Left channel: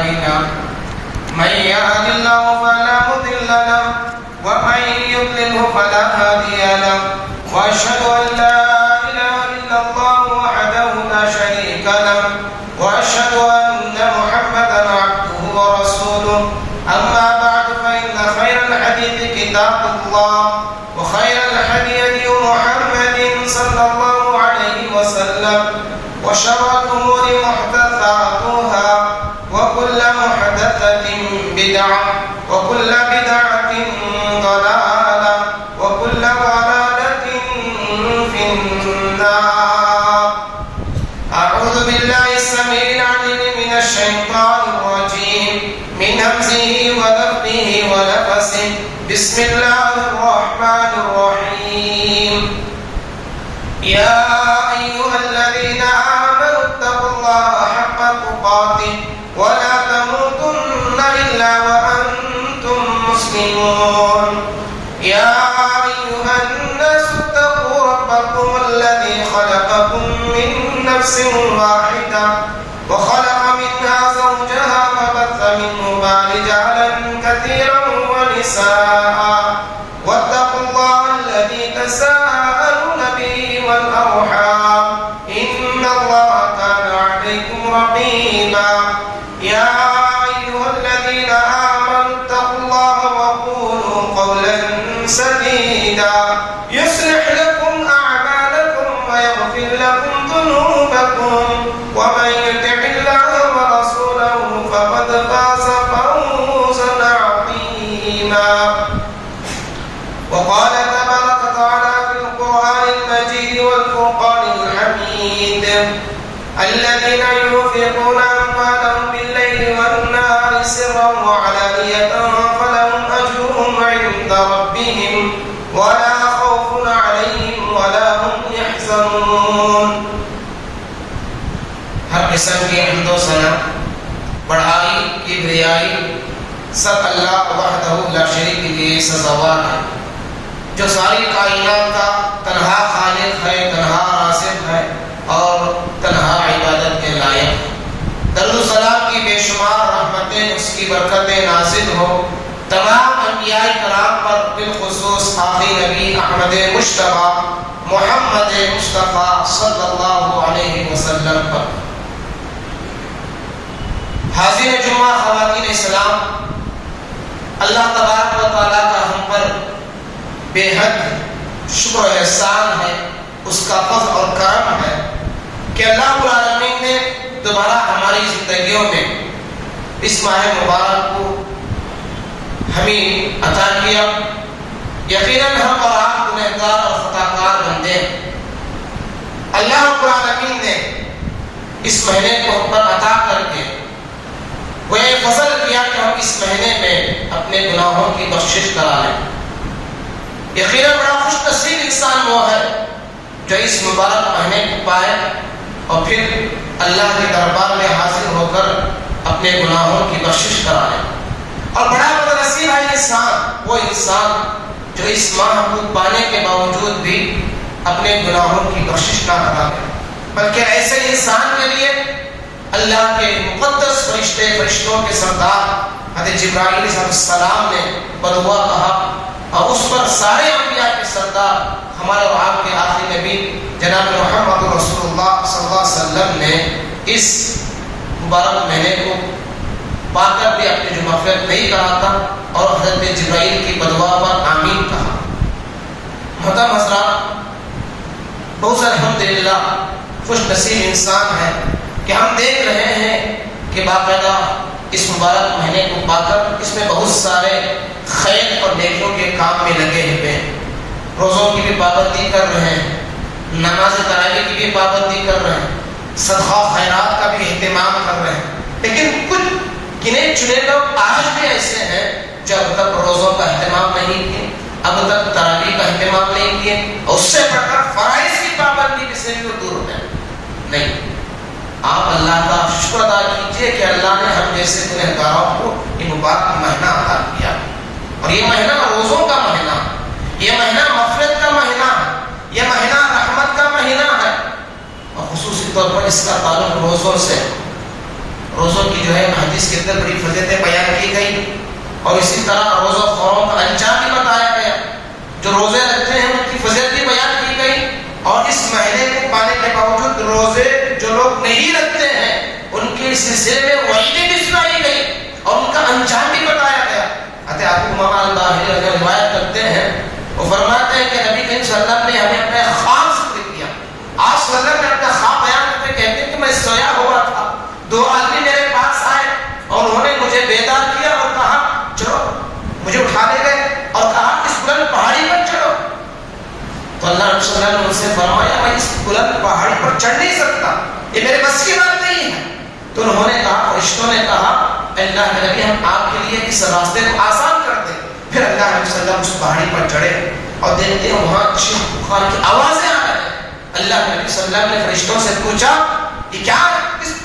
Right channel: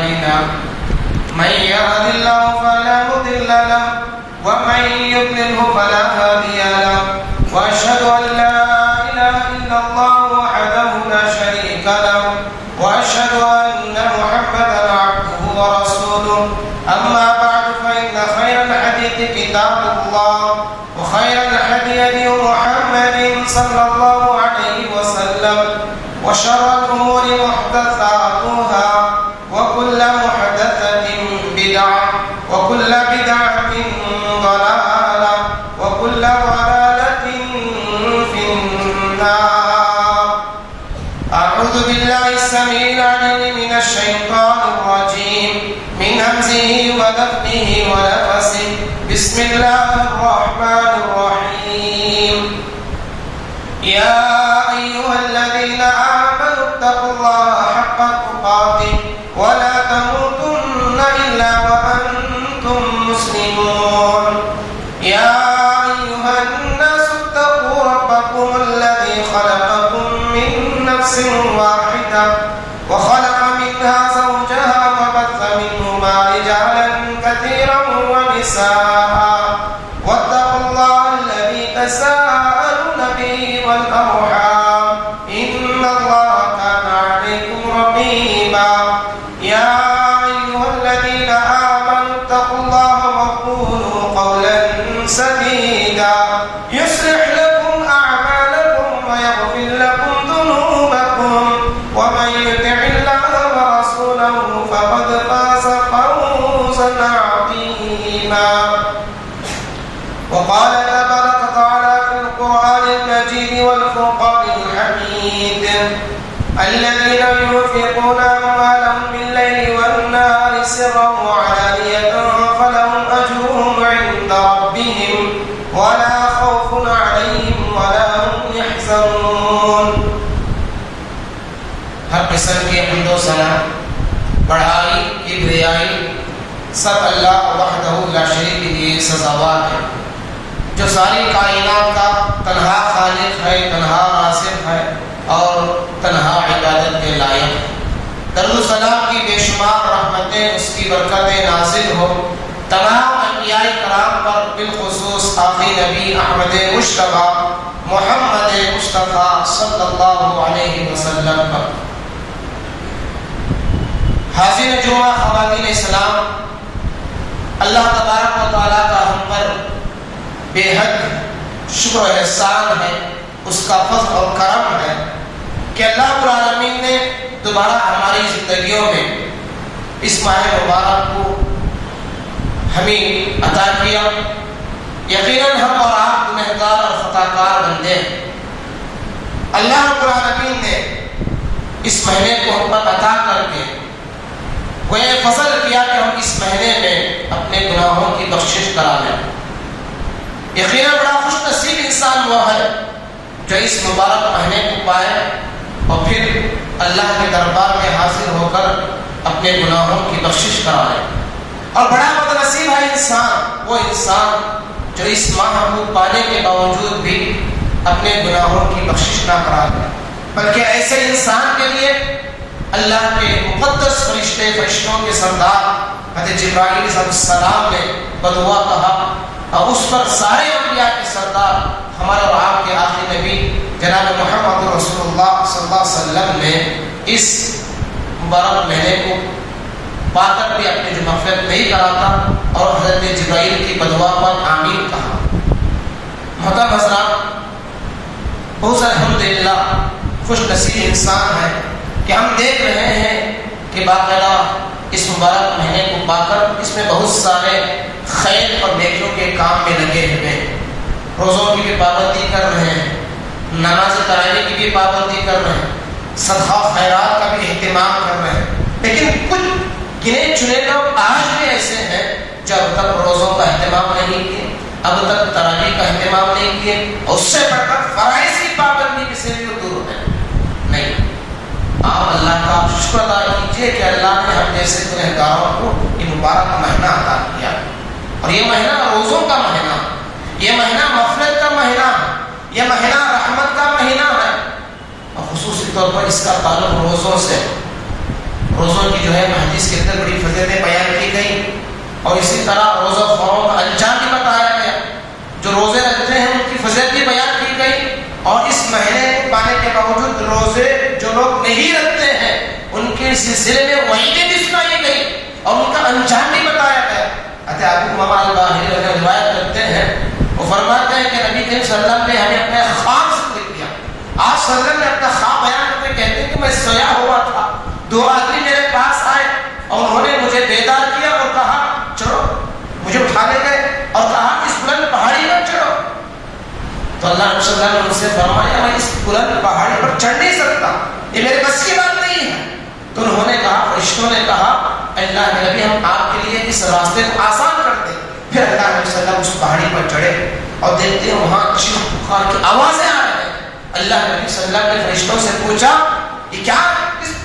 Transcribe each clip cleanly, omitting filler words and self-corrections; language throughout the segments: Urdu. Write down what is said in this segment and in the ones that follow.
أعمالنا من يهد الله فلا مضل له ومن يضلله فلا هادي له وأشهد أن لا إله إلا الله وحده لا شريك له وأشهد أن محمدا عبده ورسوله أما بعد فإن خير الحديث كتاب الله وخير الهدي هدي محمد صلى الله عليه وسلم وشر الأمور محدثاتها وكل محدثة بدعة وكل بدعة ضلالة وكل ضلالة في النار. أعوذ بالله السميع العليم من الشيطان الرجيم من همزه ونفخه ونفسه. بسم الله الرحمن الرحيم. يا أيها الذين آمنوا اتقوا الله حق تقاته ولا تموتن إلا وأنتم مسلمون. يا أيها الناس اتقوا ربكم الذي خلقكم من نفس واحدة وخلق منها زوجها وبث منهما رجالا كثيرا ونساء واتقوا الله الذي تساءلون به والأرحام إن الله كان عليكم رقيبا. يا أيها الذين آمنوا اتقوا الله وقولوا قولا سديدا يصلح لكم أعمالكم ويغفر لكم ذنوبكم ومن يطع الله ورسوله فقد فاز فوزا عظيما. وقال تبارك وتعالى في القرآن المجيد والفرقان الحميد الذين ينفقون أموالهم بالليل والنهار سرا وعلانية فلهم أجرهم عند ربهم ولا خوف عليهم ولا هم يحزنون. ہر قسم کی حمد و ثنا بڑھائی کبریائی سب اللہ وحدہ لا شریک کے لیے سزاوار ہے جو ساری کائنات کا تنہا خالق ہے، تنہا رازق ہے اور تنہا عبادت کے لائق. درود و سلام کی بے شمار رحمتیں اس کی برکتیں نازل ہو تمام انبیاء کرام پر، بالخصوص آخری نبی احمد مجتبی محمد مصطفیٰ صلی اللہ علیہ وسلم پر. حاضر جمعہ خواتین اسلام، اللہ تبارک و تعالیٰ کا ہم پر بے حد شکر و احسان ہے، اس کا فضل اور کرم ہے کہ اللہ رب العالمین نے دوبارہ ہماری زندگیوں میں اس ماہ مبارک کو ہمیں عطا کیا. یقیناً ہم اور آپ گنہگار اور خطا کار بندے ہیں. اللہ رب العالمین نے اس مہینے کو ہم پر عطا کر کے وہ ایک فضل کیا کہ ہم اس مہینے میں اپنے گناہوں کی بخشش کرا لیں. یقیناً بڑا خوش نصیب انسان وہ ہے جو اس مبارک مہینے کو پائے اور پھر اللہ کے دربار میں حاضر ہو کر اپنے گناہوں کی بخشش کرا لے. اور بڑا بدنصیب ہے انسان، وہ انسان جو اس ماہ کو پانے کے باوجود بھی اپنے گناہوں کی بخشش نہ کرا لے، بلکہ ایسے انسان کے لیے اللہ کے مقدس فرشتوں کے سردار حضرت جبرائیل علیہ السلام نے بدعا کہا اور اس پر سارے انبیاء کے سردار ہمارے اور آپ کے آخری نبی جناب محمد رسول اللہ صلی اللہ علیہ وسلم نے اس مبارک مہینے کو پا کر بھی اپنی جو مغفرت نہیں کراتا اور حضرت جبرائیل کی بدعا پر آمین کہا. محترم حضرات، بہت الحمدللہ خوش نصیب انسان ہے کہ ہم دیکھ رہے ہیں کہ باقاعدہ اس مبارک مہینے کو پا کر اس میں بہت سارے خیر اور نیکیوں کے کام میں لگے ہوئے ہیں. روزوں کی بھی پابندی کر رہے ہیں، نماز تراویح کی بھی پابندی کر رہے ہیں، صدقہ و خیرات کا بھی اہتمام کر رہے ہیں. لیکن کچھ گنے چنے لوگ آج بھی ایسے ہیں جو اب تک روزوں کا اہتمام نہیں کیے، اب تک تراویح کا اہتمام نہیں کیے، اور اس سے بڑھ کر فرائض کی پابندی سے بھی دور ہے. نہیں، آپ اللہ کا شکر ادا کیجیے کہ اللہ نے ہم جیسے گنہگاروں کو یہ مبارک مہینہ عطا کیا. اور یہ مہینہ روزوں کا مہینہ، یہ مہینہ مغفرت کا مہینہ ہے، یہ مہینہ رحمت کا مہینہ ہے، اور خصوصی طور پر اس کا تعلق روزوں سے. روزوں کی جو ہے حدیث کے اندر بڑی فضیلتیں بیان کی گئی، اور اسی طرح روزہ خوروں کا انجام بھی بتایا گیا، جو روزے رکھتے ہیں ان کی فضیلتیں بیان کی گئی، اور اس مہینے کو پانے کے باوجود روزے جو لوگ نہیں رکھتے ہیں ان کے سلسلے میں وعیدیں بھی سنائی گئی اور ان کا انجام بھی بتایا گیا۔ ابو امامہ الباہلی روایت کرتے ہیں، وہ فرماتے ہیں کہ نبی کریم صلی اللہ علیہ وسلم نے ہمیں اپنے خواب ذکر کیا۔ آپ صلی اللہ علیہ وسلم نے اپنا خواب بیان کرتے کہتے ہیں کہ میں سویا ہوا تھا، دو آدمی میرے پاس آئے اور انہوں نے مجھے بیدار کیا اور کہا چلو، مجھے اٹھا لے گئے اور کہا اس بلند پہاڑی پر چڑھو۔ تو اللہ صلی اللہ علیہ وسلم نے مجھ سے فرمایا میں اس بلند پہاڑی پر چڑھ نہیں سکتا، یہ میرے بس کی بات نہیں ہے۔ تو انہوں نے کہا، فرشتوں نے کہا اللہ کے نبی ہم آپ کے لیے اس راستے کو آسان کر دیں۔ پھر اللہ علیہ وسلم اس پہاڑی پر چڑھے اور دیکھتے ہیں وہاں چیخ پکار کی آوازیں آ رہی ہیں۔ اللہ کے نبی صلی اللہ علیہ وسلم نے فرشتوں سے پوچھا یہ کیا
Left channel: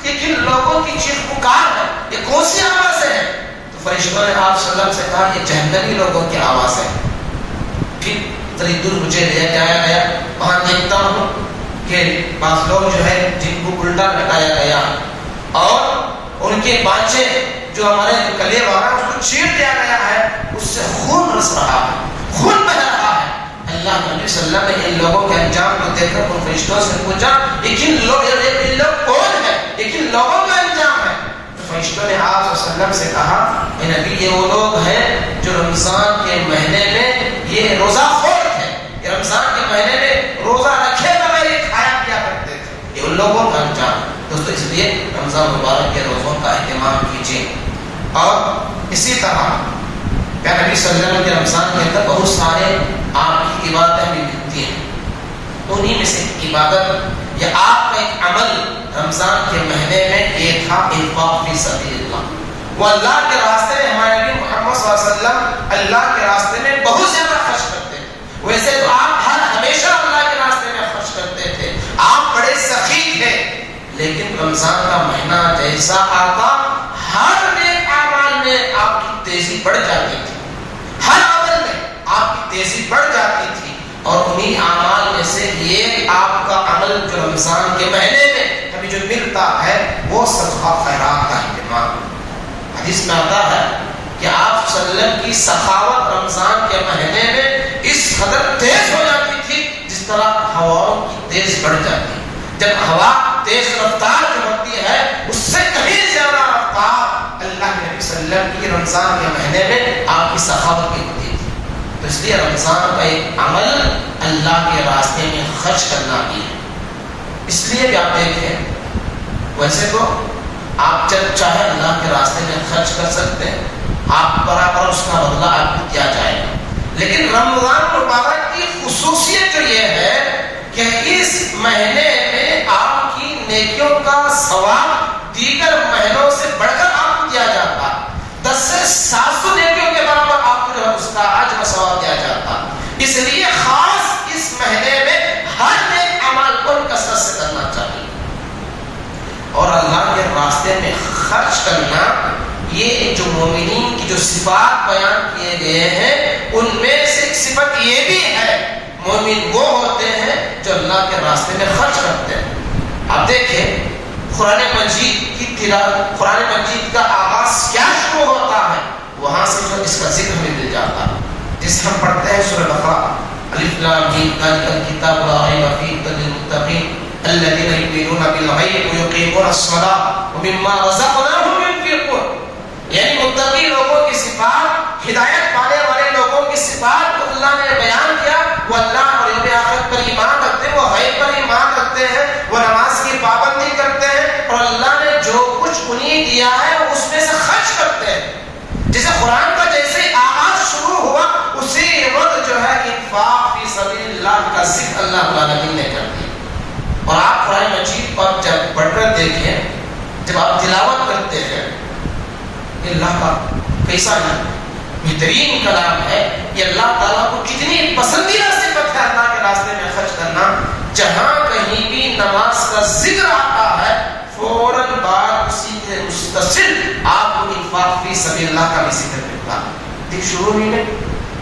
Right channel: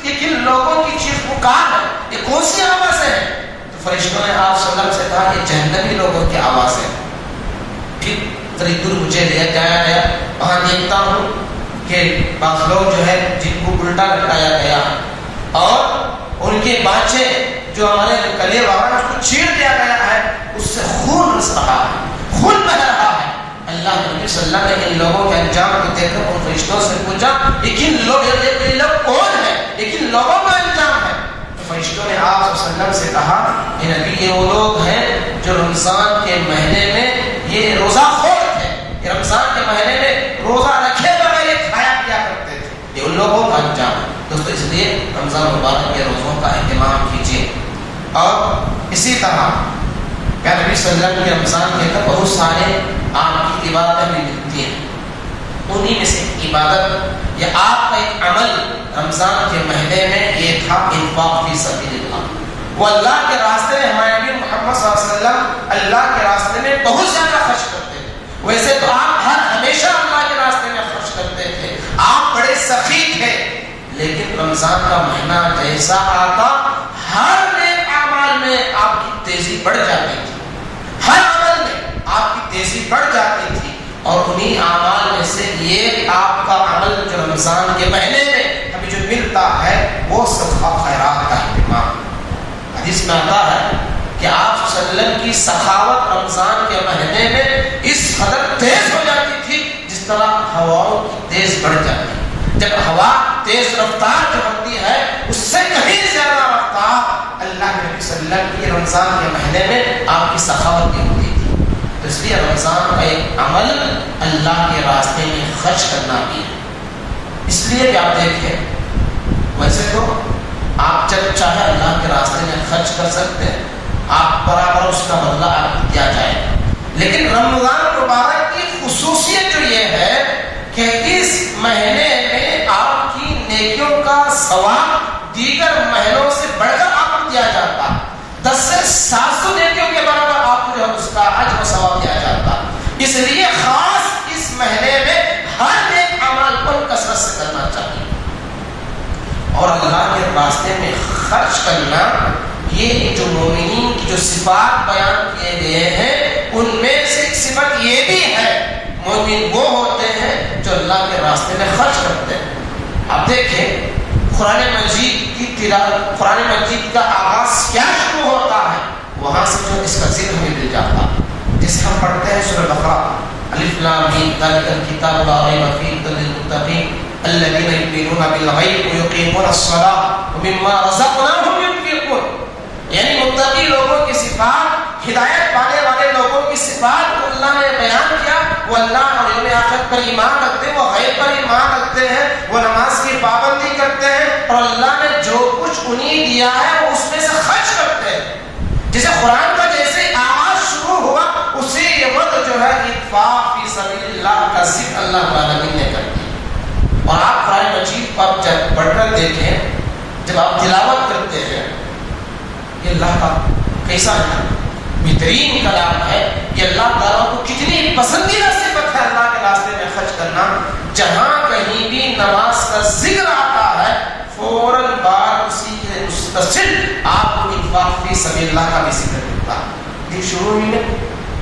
کن لوگوں کی چیخ پکار ہے، یہ کون سی آوازیں ہیں؟ تو فرشتوں نے آپ صلی اللہ علیہ وسلم سے کہا یہ جہنمی لوگوں کی آواز ہے۔ پھر ذرا دور مجھے لے کے آیا گیا، وہاں دیکھتا ہوں کہ بعض لوگ جو ہے جن کو الٹا لٹایا گیا اور ان کے بانچے جو ہمارے کلے وغیرہ اس کو چیر دیا گیا ہے، اس سے خون رس رہا ہے، خون بہ رہا ہے۔ اللہ نبی صلی اللہ علیہ وسلم نے ان لوگوں کے انجام کو دیکھ کر ان فرشتوں سے پوچھا لیکن لوگ کون ہے، لیکن لوگوں کا انجام ہے؟ تو فرشتوں نے آپ صلی اللہ علیہ وسلم سے کہا اے نبی یہ وہ لوگ ہیں جو رمضان کے مہینے میں یہ روزہ خور تھے، یہ رمضان کے مہینے میں روزہ رکھے بغیر یہ کھایا پیا کرتے تھے، یہ ان لوگوں کا انجام ہے۔ دوستو اس لیے رمضان مبارک کے روزوں کا اہتمام کیجیے۔ اور اسی طرح پیارے نبی صلی اللہ علیہ وسلم کے رمضان کے اندر بہت سارے آپ کی عبادتیں بھی ملتی ہیں، انہی میں سے عبادت یا آپ کا ایک عمل رمضان کے مہینے میں یہ تھا انفاق فی سبیل اللہ۔ وہ اللہ کے راستے میں ہمارے نبی محمد صلی اللہ علیہ وسلم اللہ کے راستے میں بہت زیادہ خرچ کرتے تھے۔ ویسے تو آپ ہمیشہ اللہ کے راستے میں خرچ کرتے تھے، آپ بڑے سخی تھے، لیکن رمضان کا مہینہ جیسا آتا ہر نیک اعمال میں آپ کی تیزی بڑھ جاتی تھی، ہر عمل میں آپ کی تیزی بڑھ جاتی تھی، اور انہی اعمال میں سے یہ آپ کا عمل جو رمضان کے مہینے میں ہمیں جو ملتا ہے وہ صدقہ خیرات کا اہتمام۔ حدیث میں آتا ہے کہ آپ صلی اللہ علیہ وسلم کی سخاوت رمضان کے مہینے میں اس قدر تیز ہو جاتی تھی جس طرح ہواؤں کی تیز بڑھ جاتی ہے۔ جب ہوا تیز رفتار جو ہوتی ہے اس سے کہیں زیادہ رفتار اللہ کے نبی صلی اللہ علیہ وسلم کی رمضان کے مہینے میں آپ کی سخاوت کی ہوتی تھی۔ تو اس لیے رمضان کا ایک عمل اللہ کے راستے میں خرچ کرنا بھی ہے۔ اس لیے کہ آپ دیکھیں ویسے تو آپ جب چاہے اللہ کے راستے میں خرچ کر سکتے ہیں، آپ برابر اس کا بدلہ آپ کو کیا جائے گا، لیکن رمضان مبارک کی خصوصیت جو یہ ہے کہ اس مہینے میں آپ کی نیکیوں کا ثواب دیگر مہینوں سے بڑھ کر آپ کو دیا جاتا ہے۔ 10 سے 700 نیکیوں کے برابر آپ کو اس کا اجر و ثواب دیا جاتا ہے۔ اس لیے خاص اس مہینے میں ہر نیک عمل کو کثرت سے کرنا چاہیے، اور اللہ کے راستے میں خرچ کرنا یہ جو مومنین کی جو صفات بیان کیے گئے ہیں ان میں سے ایک صفت یہ بھی ہے، مومن وہ ہوتے ہیں جو اللہ کے راستے میں خرچ کرتے ہیں۔ آپ دیکھیں قرآن مجید کی تلاوت، قرآن مجید کا آغاز کیا شروع ہوتا ہے، وہاں سے جو اس کا ذکر ہمیں مل جاتا ہے، جسے ہم پڑھتے ہیں سورہ بقرہ، الف لام میم ذالک الکتاب لا ریب فیہ ھدی للمتقین الذین یؤمنون بالغیب ویقیمون الصلاۃ ومما رزقناہم ينفقون۔ یعنی متقی لوگوں کی صفات، ہدایت پانے والے لوگوں کی صفات کو اللہ نے بیان کیا۔ وہ اللہ اور یوم آخرت پر ایمان رکھتے ہیں، وہ غیب پر ایمان رکھتے ہیں، وہ نماز کی پابندی کرتے ہیں، اور اللہ نے جو کچھ انہیں دیا ہے وہ اس میں سے خرچ کرتے ہیں۔ جیسے قرآن کا جیسے آغاز شروع ہوا اسی وقت جو ہے انفاق فی سبیل اللہ کا ذکر اللہ تعالیٰ نے کر دیا۔ اور آپ قرآن مجید پر جب پڑھ کر دیکھیں، جب آپ تلاوت کرتے ہیں، یہ اللہ کا کیسا بہترین کلام ہے، یہ اللہ تعالیٰ کو کتنی پسندیدہ صفت ہے اللہ کے راستے میں خرچ کرنا۔ جہاں کہیں بھی نماز کا ذکر آتا ہے فوراً بعد اسی کے متصل آپ کو انفاق فی سبیل اللہ کا بھی ذکر ملتا ہے۔ دیکھ شروع ہی میں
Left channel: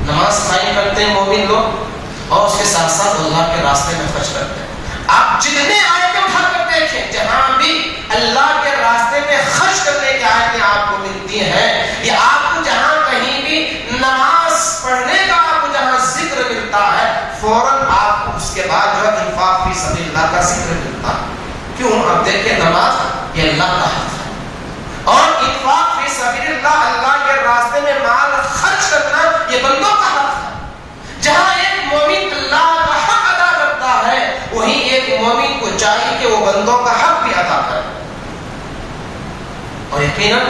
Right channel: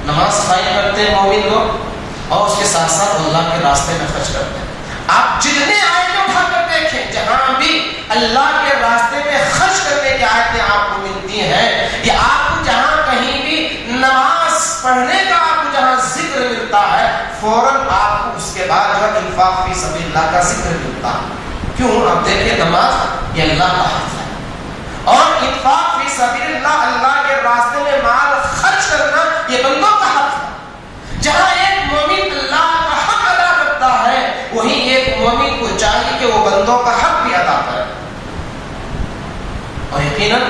نماز قائم کرتے ہیں مومن لوگ، اور اس کے ساتھ ساتھ اللہ کے راستے میں خرچ کرتے ہیں۔ آپ جتنے آیتیں اٹھا کر دیکھیں جہاں بھی اللہ کے راستے میں خرچ کرنے کی آیتیں آپ کو ملتی ہیں، یا آپ کو جہاں کہیں بھی نماز پڑھنے کا آپ کو جہاں ذکر ملتا ہے، فوراً آپ کو اس کے بعد جو ہے انفاق فی سبیل اللہ کا ذکر ملتا ہے. کیوں؟ اب دیکھیں نماز یہ اللہ کا حق ہے، اور انفاق فی سبیل اللہ، اللہ کے راستے میں مال خرچ کرنا یہ بندوں کا حق ہے. جہاں ایک مومن اللہ کا حق ادا کرتا ہے، وہیں ایک مومن کو چاہیے کہ وہ بندوں کا حق بھی ادا کرے. اور یقیناً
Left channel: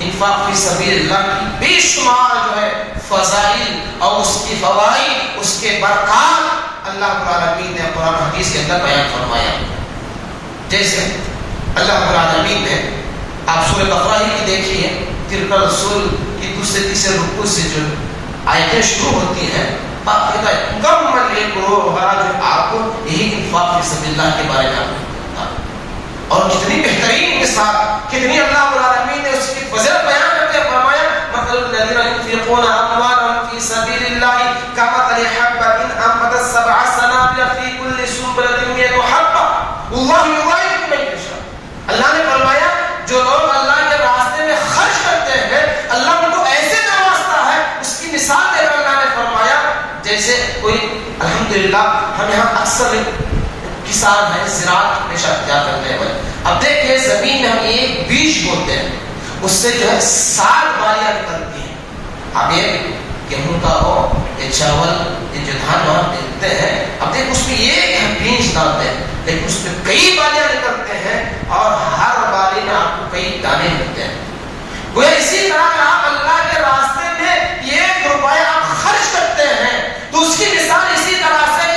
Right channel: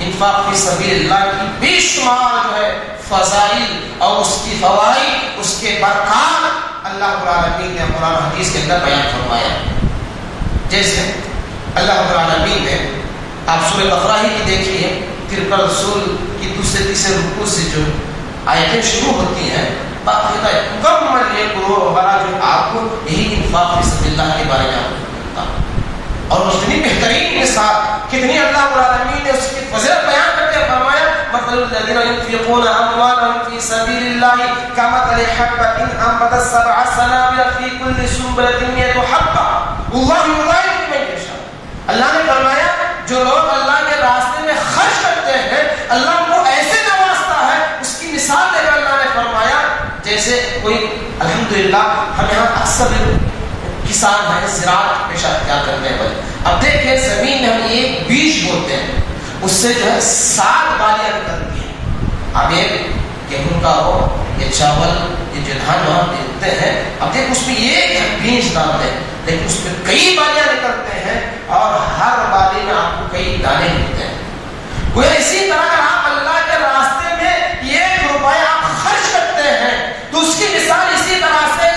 انفاق فی سبیل اللہ کی بے شمار جو ہے فضائل اور اس کی فوائد، اس کے برکات اللہ رب العالمین نے قرآن حدیث کے اندر بیان فرمایا. جیسے اللہ رب العالمین نے، آپ سورہ بقرہ ہی کی دیکھیے 53 رسول کی دوسرے تیسرے رکوع سے جو آیتیں شروع ہوتی ہیں، باقاعدہ مکمل ایک گروہ جو آپ کو یہی انفاق فی سبیل اللہ کے بارے میں آپ کو بتاتا ہے. اور کتنی بہترین مثال، کتنی اللہ رب العالمین نے اس کی فضیلت بیان کرتے ہوئے فرمایا مثل الذین ينفقون اموالهم في سبيل الله كمثل حبة انبتت 7 سنابل في كل سنبلة 100 حبة والله يضاعف لمن يشاء. اللہ نے فرمایا جو لوگ اللہ کے راستے میں خرچ کرتے ہیں، اللہ ان کو ایسے نوازتا ہے. اس کی مثال دے کر اللہ نے فرمایا جیسے کوئی، الحمدللہ ہم یہاں اکثر کسان ہیں، زراعت پیشہ اختیار کرنے والے. اب دیکھیں زمین میں ہم ایک بیج بوتے ہیں، اس سے جو ہے 7 بالیاں نکلتی ہیں. اب ایک گیہوں کا ہو یا چاول یا جو دھان وہاں دیتے ہیں، اب دیکھ اس میں ایک بیج ڈالتے ہیں، لیکن اس میں کئی بالیاں نکلتے ہیں اور ہر بالی میں آپ کو کئی دانے ملتے ہیں. وہ اسی طرح آپ اللہ کے راستے میں 1 روپیہ آپ خرچ کرتے ہیں تو اس کی مثال اسی طرح سے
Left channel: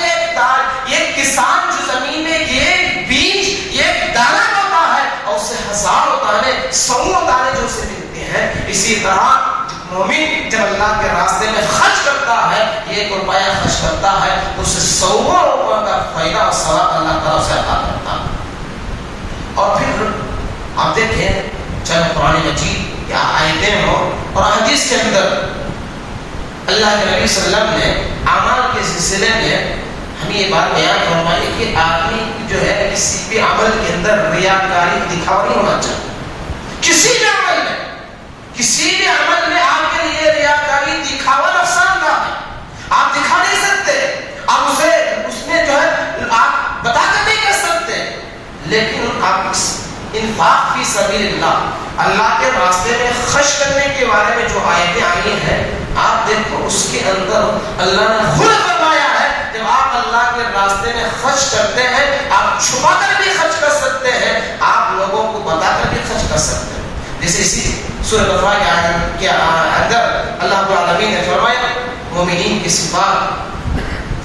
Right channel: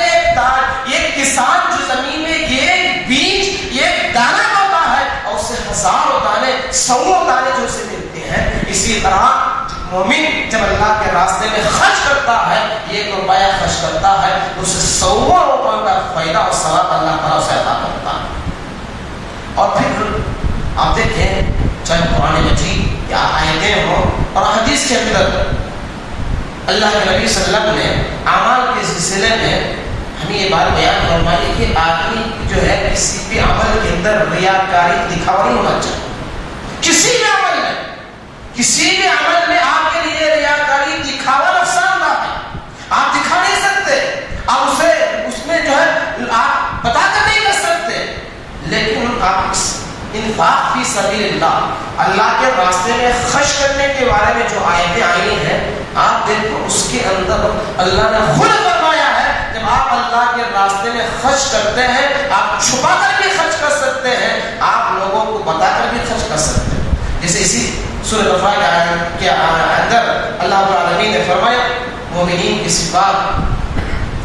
ایک کسان جو زمین میں ایک بیج، ایک دانہ ہوتا ہے اور اس سے ہزاروں دانے، 100 دانے جو اسے ملتے ہیں. اسی طرح مومن جب اللہ کے راستے میں خرچ کرتا ہے، 1 روپیہ خرچ کرتا ہے، اسے 100 روپیوں کا فائدہ اور ثواب اللہ تعالیٰ اسے عطا کرتا ہے. اور پھر آپ دیکھیں چاہے قرآن مجید یا آیتیں ہوں اور حدیث کے اندر اللہ کے نبی صلی اللہ علیہ وسلم نے اعمال کے سلسلے میں ہمیں یہ بات بیان فرمائی کہ آدمی جو ہے کسی بھی عمل کے اندر ریاکاری، دکھاوا نہیں ہونا چاہیے. کسی بھی عمل میں، کسی بھی عمل میں آپ کے لیے ریاکاری، دکھاوا نقصان دہ ہے. آپ دکھا نہیں سکتے، آپ اسے اس میں جو ہے آپ بتا کر نہیں کر سکتے. لیکن آپ انفاق فی سبیل اللہ، اللہ کے راستے میں خرچ کرنے کے بارے میں جو آیتیں آئی ہیں، آپ دیکھو اس کے اندر اللہ نے خود فرمایا ہے جب آپ اللہ کے راستے میں خرچ کرتے ہیں، آپ چھپا کر بھی خرچ کر سکتے ہیں، آپ لوگوں کو بتا کر بھی خرچ کر سکتے ہیں. جیسے اسی سورہ بقرہ کے اندر اللہ رب العالمین نے فرمایا مومنین کی صفات،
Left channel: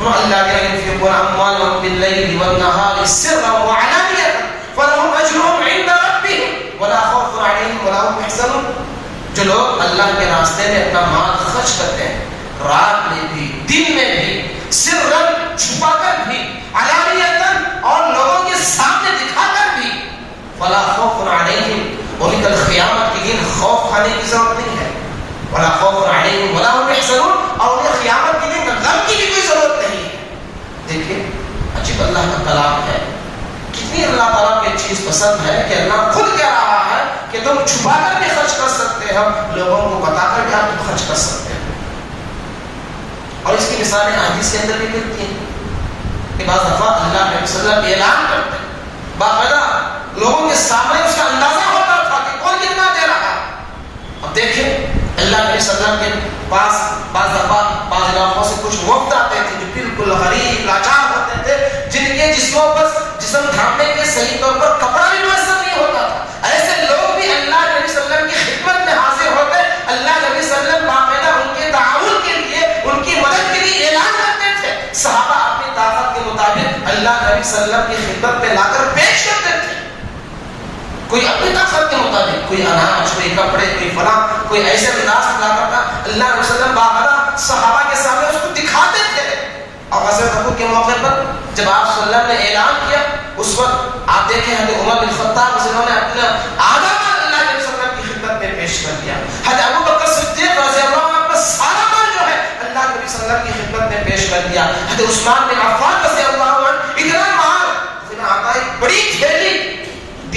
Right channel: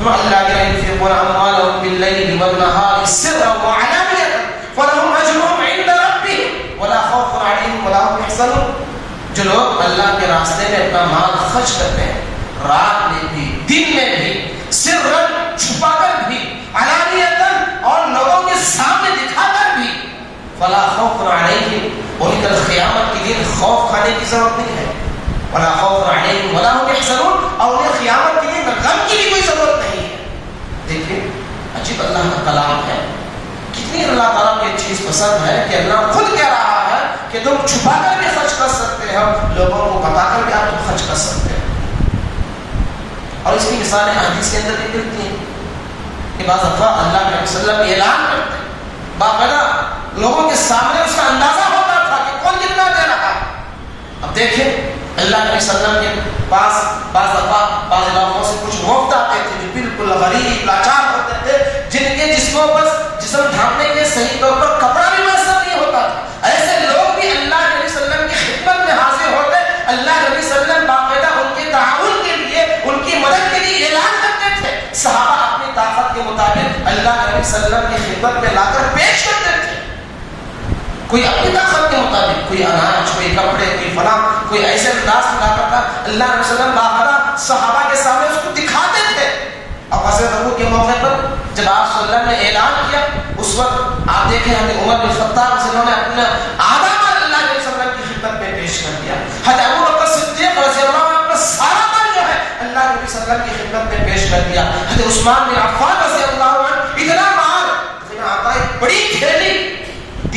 الذین ينفقون اموالهم باللیل والنہار سرا وعلانیۃ فلهم اجرهم عند ربهم ولا خوف علیہم ولا هم يحزنون. جو لوگ اللہ کے راستے میں اپنا مال خرچ کرتے ہیں، رات میں بھی دن میں بھی، سرا چھپا کر بھی، علانیۃ اور لوگوں کے سامنے دکھا کر بھی، ولا خوف علیہم، اور کل قیامت کے دن خوف کھانے کی ضرورت نہیں ہے، ولا خوف علیہم ولا هم يحزنون، اور انہیں قیامت کے دن غم کی بھی کوئی ضرورت نہیں ہے. دیکھیں عجیب اللہ کا کلام ہے، کتنی اللہ تعالیٰ کو ایک چیز پسند ہے کہ اللہ خود کہہ رہا ہے کہ تم چھپا کر بھی خرچ کر سکتے ہو، لوگوں کو بتا کر بھی آپ خرچ کر سکتے ہیں. اور اس کی مثالیں حدیث کے اندر بھی ملتی ہیں کہ بعض دفعہ اللہ کے صلی اللہ علیہ وسلم اعلان کرتے ہیں، باقاعدہ لوگوں کے سامنے اس کا اندازہ ہوتا تھا کہ کون کتنا دے رہا. اب دیکھیں اللہ کے صلی اللہ علیہ وسلم کے پاس بعض دفعہ بعض علاقوں سے کچھ وفد آتے تھے جو بالکل غریب لاچار ہوتے تھے، جن کے جسموں پر جسم ڈھانپنے کے صحیح طور پر کپڑا بھی میسر نہیں ہوتا تھا. ایسے لوگ بھی اللہ کے نبی صلی اللہ علیہ وسلم کی خدمت میں حاضر ہو گئے. اللہ کے نبی صلی اللہ علیہ وسلم باقاعدہ ان کے تعاون کے لیے، ان کی مدد کے لیے اعلان کرتے تھے. صحابہ اپنی طاقت کے مطابق اللہ کے نبی صلی اللہ علیہ وسلم کی خدمت میں لا کر پیش کرتے تھے. کوئی اپنی طاقت کے مطابق، کوئی اناج، کوئی کپڑے، کوئی فلاں، کوئی ایسے انداز میں لاتا تھا. اللہ کے وسلم باقاعدہ صحابہ کے سامنے اس کو دکھاتے تھے. اور حضرت ابو کے موقع پر جب آپ صلی اللہ علیہ وسلم نے اعلان کیا، اس وقت آپ دیکھیں حضرت عمر بن خطاب جنہوں نے اپنا آدھا مال اللہ کے وسلم کی خدمت میں پیش کر دیا. حضرت ابو بکر صدیق رضی اللہ عنہ اپنا سارا مال جو ہے اللہ کے وسلم کی خدمت میں پیش کر دیا. حضرت عثمان بن عفان رضی اللہ عنہ اتنا مال، بڑی تھیلی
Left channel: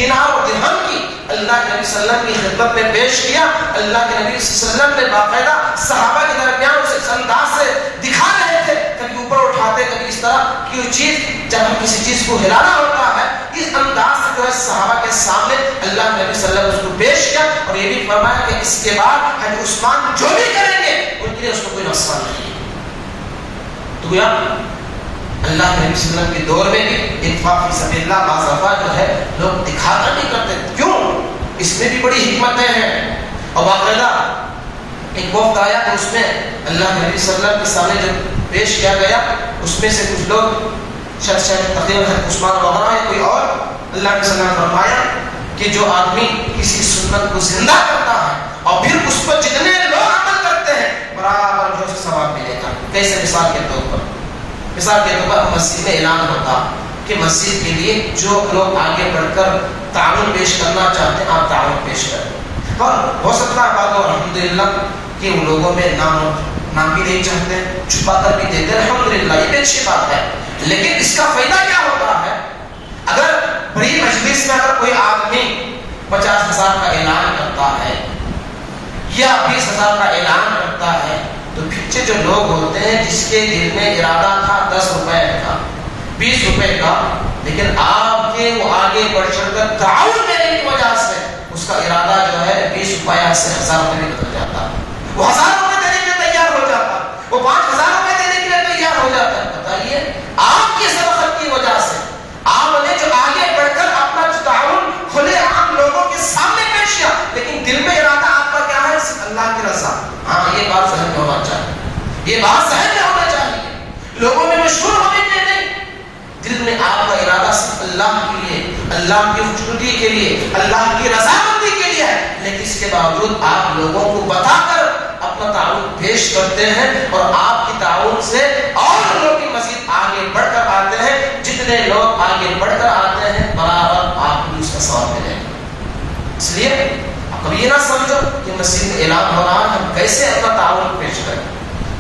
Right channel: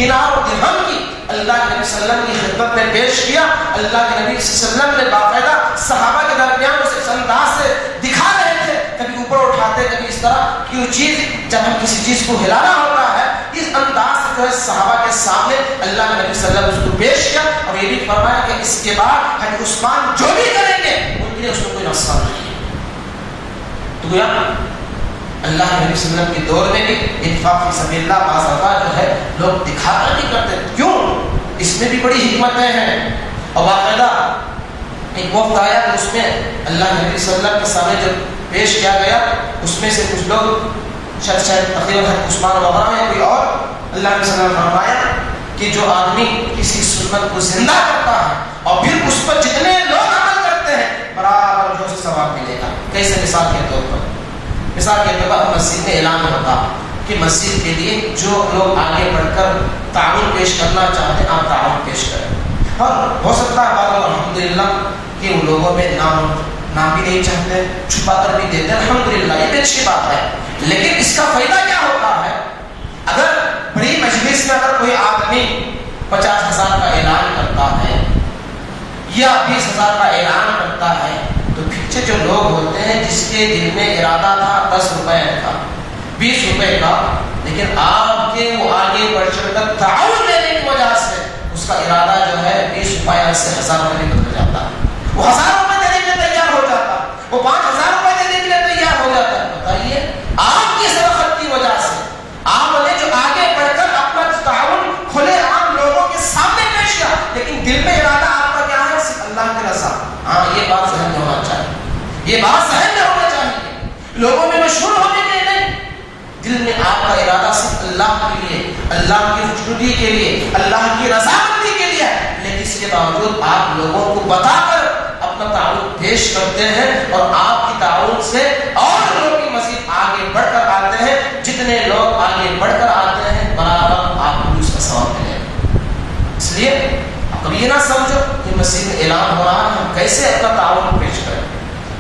دینار و درہم کی اللہ کے نبی صلی اللہ علیہ وسلم کی خدمت میں پیش کیا. اللہ کے نبی صلی اللہ علیہ وسلم نے باقاعدہ صحابہ کے درمیان اس انداز سے دکھا رہے تھے, کبھی اوپر اٹھاتے کبھی اس طرح کی وہ چیز, جب ہم کسی چیز کو ہلانا ہوتا ہے اس انداز سے جو ہے صحابہ کے سامنے اللہ کے نبی صلی اللہ علیہ وسلم اس کو پیش کیا. اور یہ بھی فرمایا کہ اس کے بعد حضرت عثمان جو بھی کریں گے ان کے لیے اس کو کوئی نقصان نہیں ہے. تو گویا اللہ کے نبی صلی اللہ علیہ وسلم کے دور میں بھی انفاق فی سبیل اللہ بعض اوقات جو ہے لوگ دکھا کر نہیں کرتے. کیوں؟ اس میں بھی بڑی حکمتیں ہیں. اور باقاعدہ ایک وقت آیا کہ اس میں اللہ کے نبی صلی اللہ علیہ وسلم کے سامنے جب پیش کیا گیا, اس میں سے کچھ لوگ شاید تقریباً عثمان وغیرہ ہیں کوئی اور, اللہ کے صلی اللہ علیہ وسلم نے فرمایا کہ جو آدمی کسی سنت کو زندہ کرتا ہے اور پھر اس پر جتنے لوگ عمل کرتے ہیں برابر جو ثواب ملے گا. کیسے؟ مثال کے طور پر مسجد میں اعلان ہوتا کہ مسجد کے لیے جو لوگ آگے بڑھ کر تعاون پیش کرنا چاہتے ہیں آپ تعاون پیش کریں. اور ہو سکتا ہے بعض الحمدللہ کہ وہ لوگوں میں نام بھی نہیں چاہتے, چھپا کر بھی دیتے ہیں, الحمدللہ یہ بھی اچھی بات ہے. لیکن اس کا فائدہ کیا ہوتا ہے؟ اگر بڑی مجلس میں اگر کوئی آدمی 50,000 کا اعلان کرتا ہے یا 20,000 کا اعلان کرتا ہے تو پیچھے جو لوگ ہوتے ہیں جس کے دل میں ارادہ تھا 10 روپے کا 20 روپے کا, لیکن آپ کے وہ آگے بڑھ چڑھ کر تعاون دینے کی وجہ سے اس کا ارادہ جو ہے 20 روپے سے 1000 روپے میں بدل جاتا, وہ 1000 روپے دینے کے لیے تیار ہو جاتا, وہ 5000 روپے دینے کے لیے تیار ہو جاتا ہے. بتائیے آپ کی سبقت کی وجہ سے آپ نے جو آگے بڑھ کر اپنا تعاون کھلے عام لوگوں کے سامنے پیش کیا, لیکن دل میں ارادہ آپ کا کیا ہے؟ صرف اللہ کی رضا. ہاں یہ بات ذہن میں ہونا چاہیے, یہ بات ذہن میں ہونا چاہیے. لوگوں میں مشہور ہونے کے لیے نہیں, دل میں آپ کا ارادہ صرف اللہ کے لیے, اللہ کی خوشنودی کے لیے, اللہ کی رضامندی کے لیے ہے. لیکن اس کے باوجود آپ لوگوں کو بتا کر اپنا تعاون پیش کرتے ہیں اور آپ کی تعاون سے اور لوگوں کی مزید آگے بڑھ کر آتے ہیں. جتنے لوگ آگے بڑھ کر آتے ہیں برابر آپ کو اس کا ثواب ملے گا. اس لیے کبھی یہ نہ سمجھو کہ مسجد میں اعلان ہو رہا ہے ہم کیسے اپنا تعاون پیش کریں,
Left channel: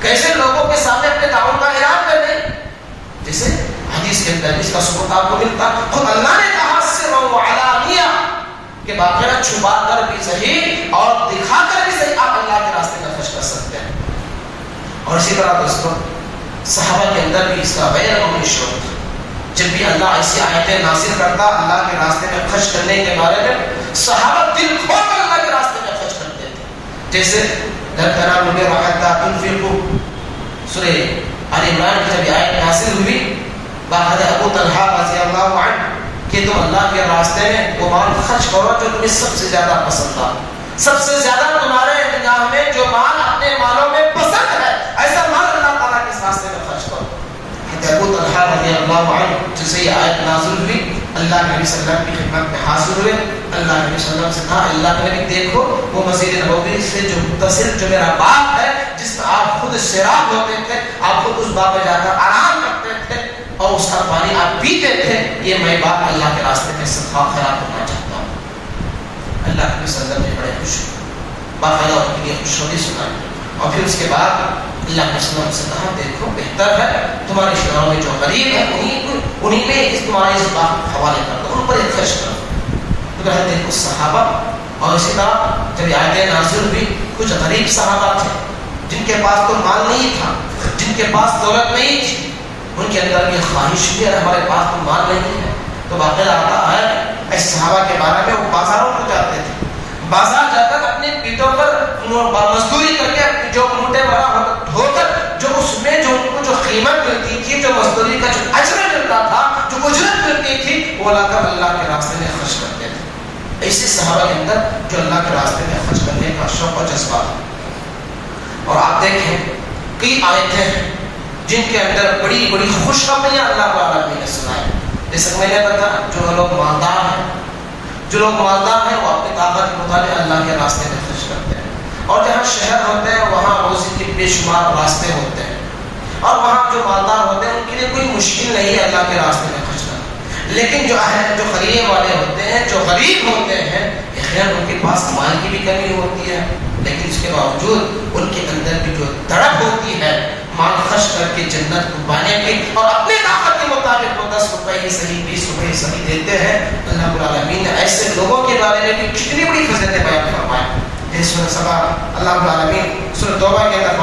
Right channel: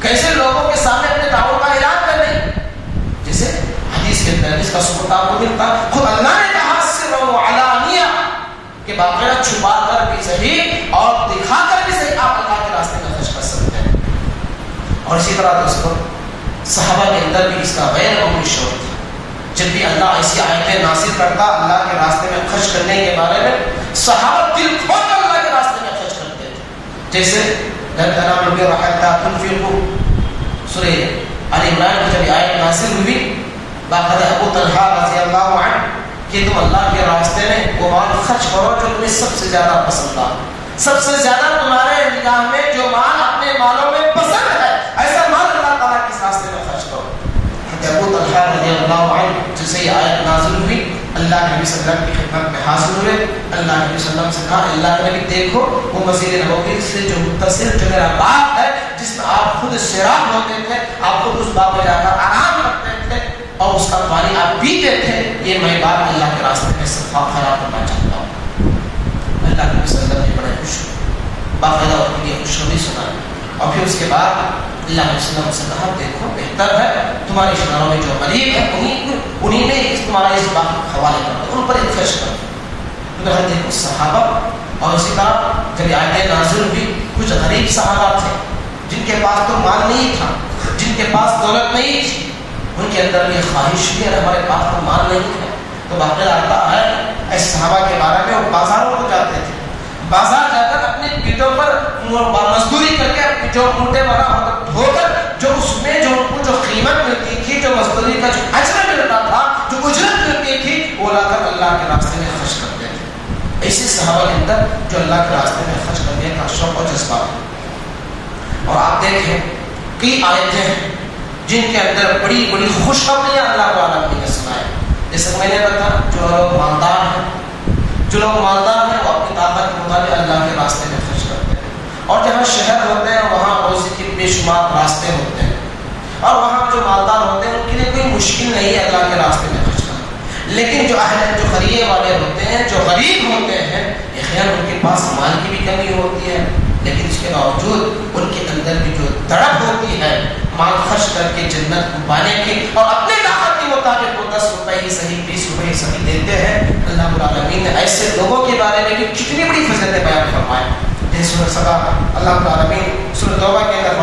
کیسے لوگوں کے سامنے اپنے تعاون کا اعلان کریں. جیسے حدیث کے اندر اس کا ثبوت آپ کو ملتا, خود اللہ نے کہا سرا و علانیہ کہ باقاعدہ چھپا کر بھی صحیح اور دکھا کر بھی صحیح آپ اللہ کے راستے میں خرچ کر سکتے ہیں. اور اسی طرح دوستوں صحابہ کے اندر بھی اس کا غیر عمومی شوق تھا. جب بھی اللہ ایسی آیتیں نازل کرتا اللہ کے راستے میں خرچ کرنے کے بارے میں صحابہ دل کھول کر اللہ کے راستے میں خرچ کرتے تھے. جیسے گھر کا نام لوگ رکھتا تنفقوا, سورہ آل عمران کی جب آیت نازل ہوئی باقاعدہ ابو طلحہ رضی اللہ عنہ کہ تم اللہ کے راستے میں وہ مال خرچ کرو جو تمہیں سب سے زیادہ پسند تھا, سب سے زیادہ تمہارے نگاہ میں جو مال اپنے مالوں میں پسند ہے ایسا مال اللہ تعالیٰ کے راستے میں خرچ کرو. ابو طلحہ رضی اللہ عنہ جسے یہ آیت نازل ہوئی اللہ کے نبی صلی اللہ علیہ وسلم کی خدمت میں حاضر ہوئے. اللہ کے نبی صلی اللہ علیہ وسلم سے کہا اللہ کے نبی دیکھو وہ مسجد نبوی سے جو متصل جو میرا باغ ہے جس میں آپ خود سیراب ہوتے تھے, آپ خود اس باغ میں جا کر آرام کرتے تھے اور اس کا پانی آپ پیتے تھے, یہ میں باغ اللہ کے راستے میں صدقہ خیرات کرنا چاہتا ہوں. اللہ کے نبی صلی اللہ علیہ وسلم نے بڑے خوش باقاعدہ اس کے لیے خوشخبری سنائی. اور پھر اس کے بعد اللہ نے وسلم سے کہا دیکھو بہتر ہے تمہارے رشتہ میں جو غریب ہے انہیں نے تمہارے اس باغ کو حوالے کر دو, ان پر ایک خرچ کر دو. تو دیکھو صحابہ اور اسی طرح جب آیتیں نازل ہوئی کچھ غریب صحابہ تھے جن کے پاس تو مال نہیں تھا, جن کے پاس دولت نہیں تھی, ان کے اندر یہ خواہش بھی ہے ہمارے پاس تو مال نہیں ہے. تو واقعہ آتا ہے ایسے صحابہ کے بارے میں وہ بازاروں کو جاتے تھے, بازار جا کر اپنی پیٹوں پر مزدوری کر کے جو موٹے وغیرہ دھو کر جو اس میں جو ان کو جو قیمت ملتی تھی, جو مزدوری کا جو اجر ملتا تھا, جو اجرت ملتی تھی وہ لا کر اللہ کے راستے میں خرچ کرتے تھے. ایسے صحابہ کے اندر جو اللہ کے راستے میں خرچ کرنے کا شوق و جذبہ. اور آپ دیکھیں کئی آیتیں ہیں جن کے اندر بڑی بڑی خوشخبریاں اللہ تعالیٰ نے سنائے. جیسے میں نے بتایا جو لوگ مالدار ہیں, جو لوگ مالدار ہیں وہ اپنی طاقت کے مطابق اللہ کے راستے میں خرچ کرتے ہیں. اور جہاں شہر ہوتے ہیں وہاں روزی کے بے شمار راستے ہوتے ہیں, اور وہاں جو مالدار ہوتے ہیں ان کے لیے کوئی مشکل نہیں ہے اللہ کے راستے میں خرچ کرنا. لیکن جو خریے والے ہوتے ہیں, جو غریب ہوتے ہیں, خیر ان کے پاس مال کی بھی کمی ہوتی ہے, لیکن اس کے باوجود ان کے اندر بھی جو تڑپ ہوتی ہے مال خرچ کر کے جنت کو پانے کی اور اپنی طاقت کے مطابق وہ 10 روپے ہی صحیح 20 روپے ہی صحیح دیتے ہیں. اللہ رب العالمین نے ایسے لوگوں کے بارے میں کتنی بڑی فضیلتیں بیان فرمائی. سورہ سبا اللہ رب العالمین سورہ توبہ کے اندر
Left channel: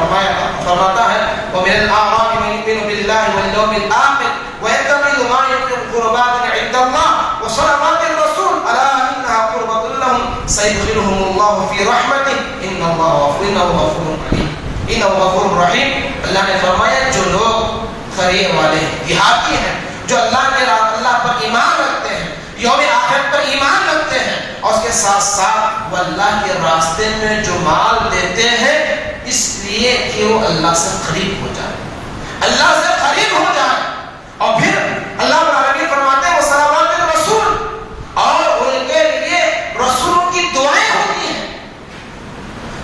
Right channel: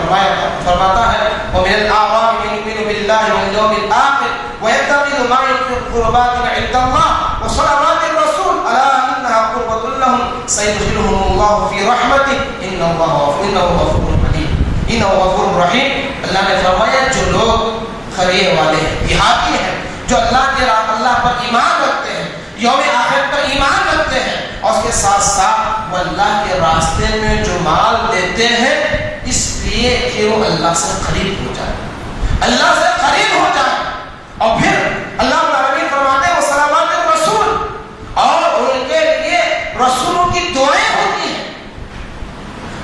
فرماتا ہے وَمِنَ الْأَعْرَابِ مَن يُؤْمِنُ بِاللَّهِ وَالْيَوْمِ الْآخِرِ وَيَتَّخِذُ مَا يُنفِقُ قُرُبَاتٍ عِندَ اللَّهِ وَصَلَوَاتِ الرَّسُولِ أَلَا إِنَّهَا قُرْبَةٌ لَّهُمْ سَيُدْخِلُهُمُ اللَّهُ فِي رَحْمَتِهِ إِنَّهُ غَفُورٌ رَّحِيمٌ. إِنَّهُ غَفُورٌ رَّحِيمٌ. اللہ نے فرمایا جو لوگ خرید والے ہیں، دیہاتی ہیں، جو اللہ پر ایمان رکھتے ہیں، یوم آخرت پر ایمان رکھتے ہیں، اور اس کے ساتھ ساتھ وہ اللہ کے راستے میں جو مال دیتے ہیں اس لیے کہ وہ اللہ سے قریب ہو جائے، اللہ سے قریب ہو جائے. اور پھر اللہ تعالیٰ فرماتے ہیں وہ صلوات الرسول، اور ان کے لیے رسولوں کی دعائیں ہوتی ہیں.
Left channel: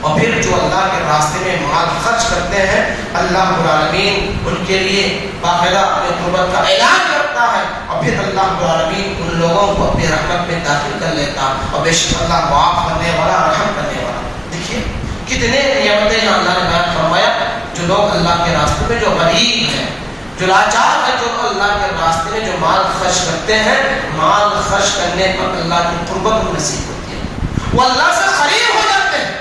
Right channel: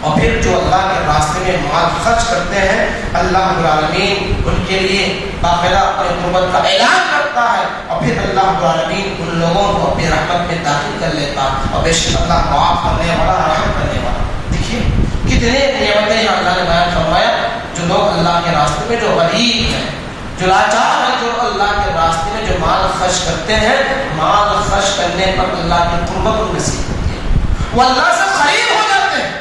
اور پھر جو اللہ کے راستے میں مال خرچ کرتے ہیں اللہ رب العالمین ان کے لیے باقاعدہ اپنے قربت کا اعلان کرتا ہے. اور پھر اللہ رب العالمین ان لوگوں کو اپنی رحمت میں داخل کر لیتا. اور بے شک اللہ معاف کرنے والا، رحم کرنے والا. دیکھیے کتنے نعمتیں یہاں اللہ نے بیان فرمایا. جو لوگ اللہ کے راستے میں جو غریب ہیں، جو لاچار ہیں، جو اللہ کے راستے میں جو مال خرچ کرتے ہیں، مال خرچ کرنے پر اللہ کی قربت نصیب ہوتی ہے، وہ اللہ سے قریب ہو جاتے ہیں.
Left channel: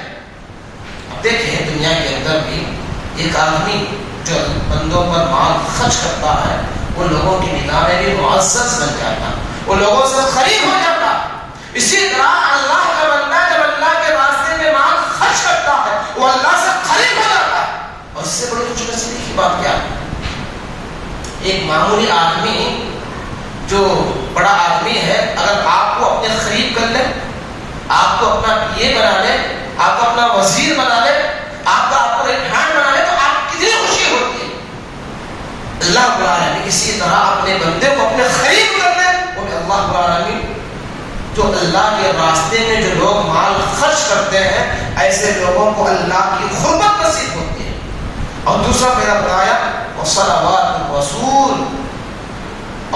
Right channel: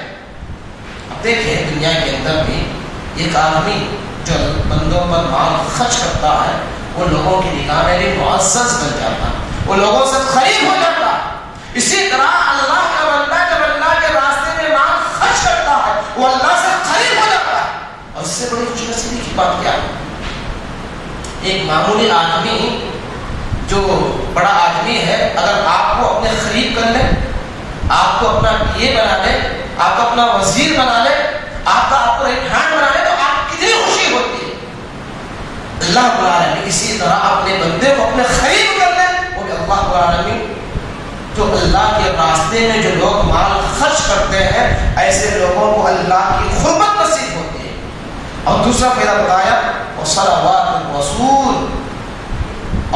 دیکھیں دنیا کے اندر بھی ایک آدمی جو بندوں پر مال خرچ کرتا ہے وہ لوگوں کی نگاہ میں بھی معزز بن جاتا، وہ لوگوں سے قریب ہو جاتا. اسی طرح اللہ کا بندہ جب اللہ کے راستے میں مال خرچ کرتا ہے وہ اللہ سے قریب ہو جاتا ہے. اور اس سے بڑی خوش نصیبی کی بات کیا ہے؟ ایک معمولی آدمی جو بڑا آدمی ہے اگر آپ کو اپنے قریب کر لے، آپ کو اپنا یہ بنا لے، آپ کو اپنا وزیر بنا لے، آپ کا آپ کو ریحان بنا لے، تو آپ کتنی خوشی ہوتی ہے. اللہ رب العالمین اسی طرح اپنے بندے کو اپنے قریب کر دے. وہ اللہ رب العالمین جو اللہ کے راستے میں جو لوگ مال خرچ کرتے ہیں ایسے لوگوں کو اللہ کی قربت نصیب ہوتی ہے. اور دوسرا پہلا بتایا وصلوات الرسول،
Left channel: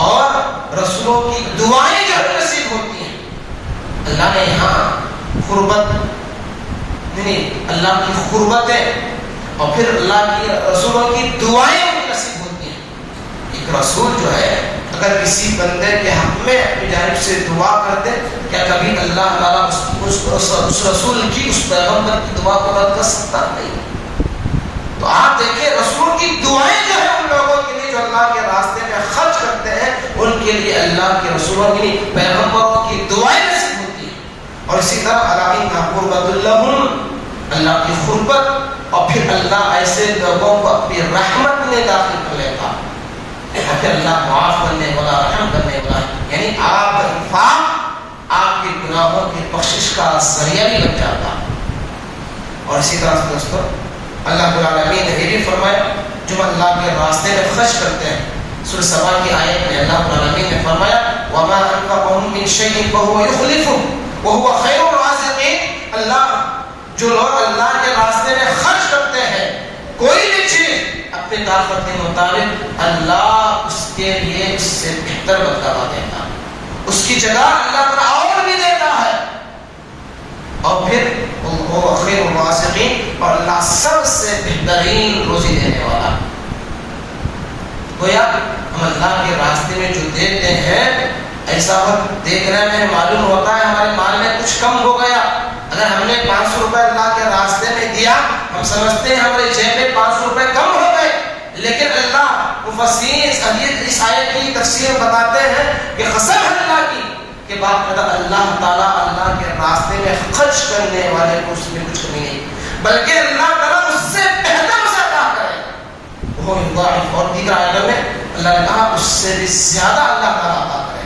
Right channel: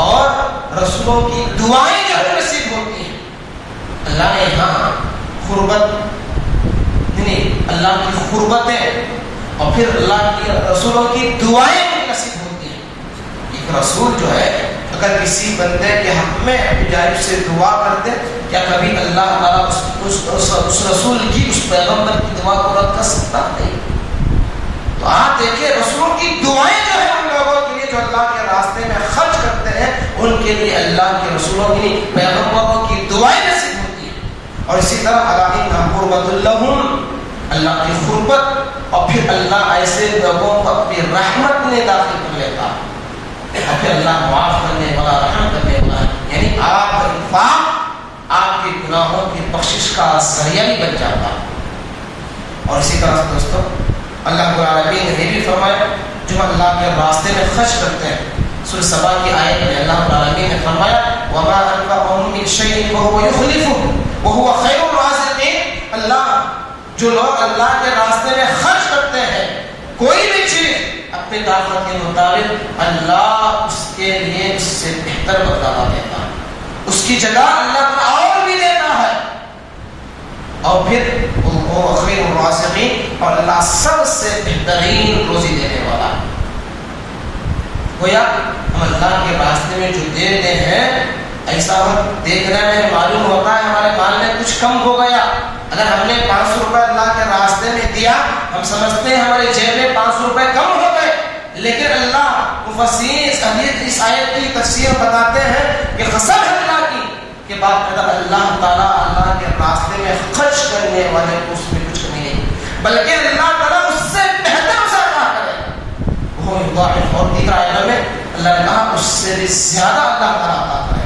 اور رسولوں کی دعائیں جو نصیب ہوتی ہیں. اللہ نے یہاں قربت اللہ کی قربتیں اور پھر اللہ کی رسولوں کی دعائیں نصیب ہوتی ہیں. ایک رسول جو ہے اگر کسی بندے کے حق میں اپنی جانب سے دعا کرتے، کیا کبھی اللہ تعالیٰ اس رسول کی، اس پیغمبر کی دعا کو رد کر سکتا نہیں؟ تو آپ دیکھیں رسول کی دعائیں جو ہے ان لوگوں کے لیے جو اللہ کے راستے میں خرچ کرتے ہیں ان کے لیے اللہ کے رسولوں کی، پیغمبروں کی دعائیں نصیب ہوتی ہیں. اور اسی طرح قربت لہم، اللہ کی قربت. اور پھر اللہ ایسے لوگوں کو اپنی رحمت میں داخل کر لیتا، اور پھر اللہ معاف کرنے والا، رحم کرنے والا. یعنی آپ کا انفاق آپ کے گناہوں کی بخشش کا ذریعہ بھی لگ جاتا. اور اسی طرح دوستوں اللہ رب العالمین نے یہ بھی فرمایا جو اللہ کے راستے میں خرچ کرتے ہیں. سورہ سبا کی آیت میں اللہ رب العالمین نے فرمایا وَمَا أَنفَقْتُم مِّن شَيْءٍ فَهُوَ يُخْلِفُهُ وَهُوَ خَيْرُ الرَّازِقِينَ. اللہ جو لوگ اللہ کے راستے میں خرچ کرتے ہیں کوئی بھی چیز اپنی طاقت کے مطابق، اللہ اس کے لیے اس سے بہتر بدلہ دیتا ہے، اس کی جگہ اللہ کو اور بھی دیتا ہے. اور پھر وہ خیر الرازقین، اور اللہ سب سے بہترین روزی دینے والا ہے. گویا ہم اللہ کے راستے میں جو دیتے ہیں ایسا وقت دیکھنے میں معلوم ہوتا ہے ہمارے مال میں کچھ کم ہو گیا. اگر ہم نے 500 روپے اللہ کے راستے میں دیا، ہم سمجھتے ہیں ہمارے جیب میں 500 روپے کم ہو گئے، لیکن اللہ مفسرین اس آیت کی تفسیر بتاتے ہیں کہ قسم ہے اللہ کی کہ بات اللہ تعالیٰ اللہ کے راستے میں خرچ کرنے والے کو اس میں کچھ نہیں ہے، بلکہ اللہ تعالیٰ اس سے بہتر سے عطا کرے. وہ یضاعف، اور دیگر آیتوں میں اللہ نے کہا اس سے بھی زیادہ اللہ تعالیٰ عطا کرے.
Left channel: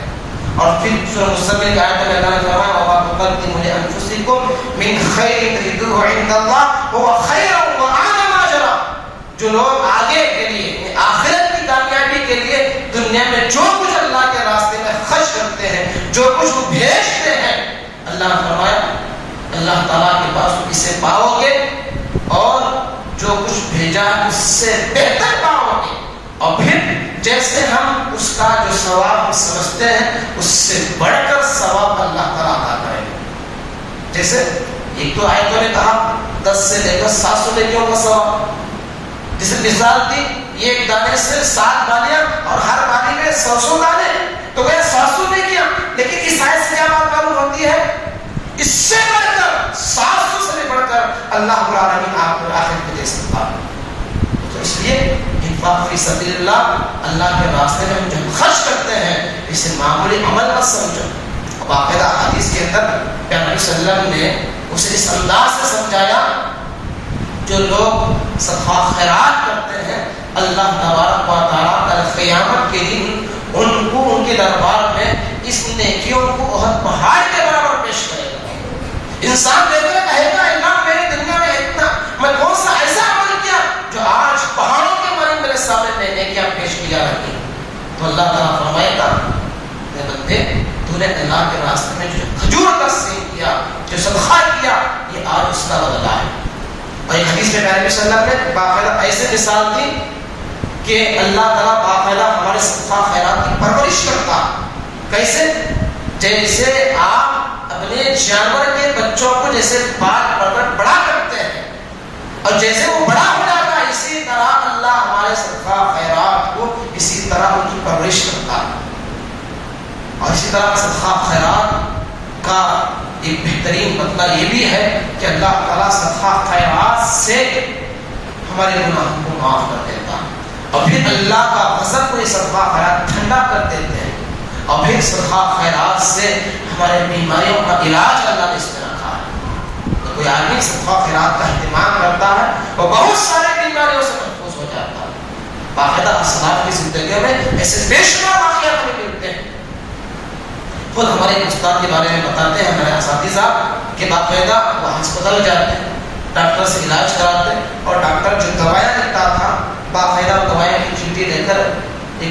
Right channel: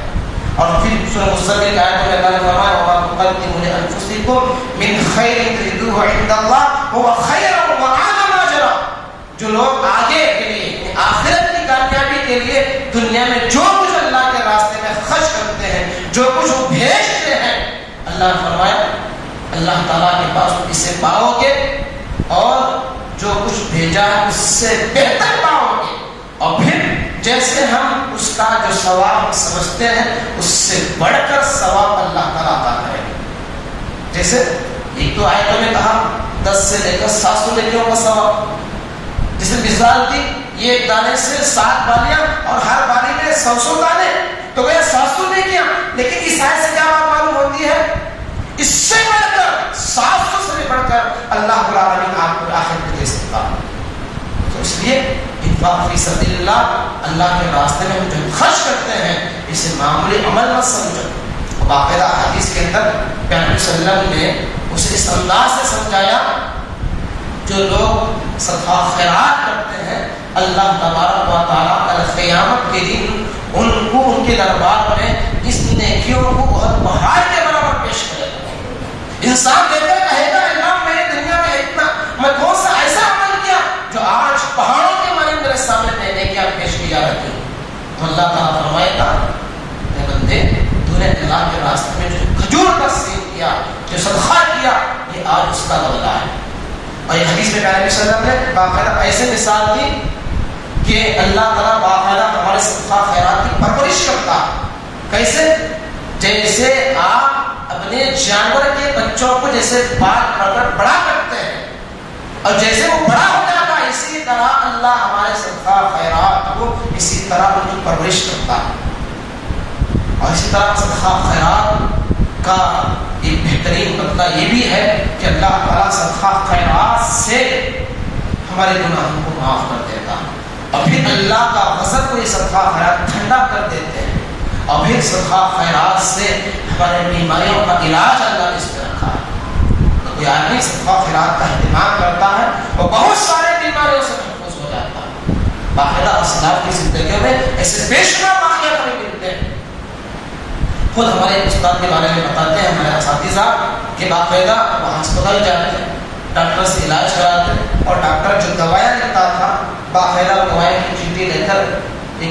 اور پھر سورہ مزمل کی آیت میں اللہ نے فرمایا وَمَا تُقَدِّمُوا لِأَنفُسِكُم مِّن خَيْرٍ تَجِدُوهُ عِندَ اللَّهِ هُوَ خَيْرًا وَأَعْظَمَ أَجْرًا. جو لوگ آگے کے لیے آخرت کی کامیابی کے لیے دنیا میں جو کچھ اللہ کے راستے میں خرچ کرتے ہیں، جو کچھ وہ بھیجتے ہیں، اللہ نے فرمایا اللہ تعالیٰ کے پاس اسے پاؤ گے اور جو کچھ بھیجا ہے اس سے بہتر پاؤ گے. اور پھر جیسے ہم اس کا جو ثواب سمجھتے ہیں اس سے بڑھ کر ثواب اللہ تعالیٰ عطا کرے گا. جیسے ایک تو آیتوں نے کہا 10 سے لے کر 700 نیکیوں کا ثواب، جیسے مثال دی ایک دانے سے 7 بالیاں اور ہر بالی میں 100 دانے، تو وہ 700 نے کیا، لیکن اس آیت سے کیا بات معلوم ہوتی ہے؟ اس سے بڑھ کر 700 سے بڑھ کر اللہ رب العالمین آپ کو آخرت میں دے سکتا ہے۔ تو اس لیے انفاق فی سبیل اللہ، اللہ کے راستے میں ہم جو خرچ کرتے ہیں اسے معمولی عمل مت سمجھو۔ باقاعدہ حدیث کے اندر پیغمبر صلی اللہ علیہ وسلم نے اسے اس انداز سے سمجھایا، جو لوگ صدقہ خیرات کرتے ہیں اللہ تبارک و تعالیٰ کل قیامت کے دن ان کو ان کے دربار میں اس نیکیوں کو بہت پہاڑ کے برابر پیش کرے گا۔ انسان دیکھ کر کہے گا اللہ میں نے دنیا میں اتنا، میں کون سا ایسا عمل کیا جو آج پہاڑوں کے مانند میرے سامنے نیکیاں پیش کی جا رہی ہیں۔ تو اللہ تعالیٰ فرمائے گا اے بندے، تو نے اللہ کے راستے میں جو کھجور کا سیب کیا، جو صدقہ کیا، یہ آج اس کا بدلہ ہے۔ اور یہ حدیث میں نبی صلی اللہ علیہ وسلم نے باقاعدہ ایسے مثال دی کہ اللہ تعالیٰ باقاعدہ ہمارے صدقہ خیرات کی پرورش کرتا۔ کیسے؟ جیسے آپ اپنے جانور کے بچوں کو جیسے پال پڑھ بڑا کرتے ہیں اور جیسے وہ بڑا ہو جاتا ہے، اسی طرح اللہ ہمارے صدقہ خیرات کو اسی طرح ان کی پرورش کرتا ہے۔ اور اسی طرح صدقہ خیرات کا ایک بہترین بدلہ یہ بھی ہے کہ اللہ تعالیٰ صدقہ خیرات سے ہمارے گناہوں کو معاف کر دیتا ہے، اور پھر اللہ کا غضب کو یہ صدقہ خیرات ٹھنڈا کر دیتے ہیں، اور پھر صدقہ خیرات سے ہمارے بیماریوں کا علاج اللہ نے اس میں رکھا ہے۔ تو کوئی آدمی صدقہ خیرات کا اہتمام کرتا ہے اور بہت سارے بیماریوں سے محفوظ ہو جاتا ہے۔ باقاعدہ اسلاف کی زندگیوں میں ایسے بے شمار واقعات ہمیں ملتے ہیں۔ خود ہمارے استاد کے بارے میں بتاتے ہیں ہمارے اساتذہ کہ باقاعدہ وہ ہسپتال جاتے ہیں، ڈاکٹر سے علاج کراتے ہیں، اور ڈاکٹر جو دوائیں لکھتا تھا باقاعدہ دوائیں کی چیٹی لے کر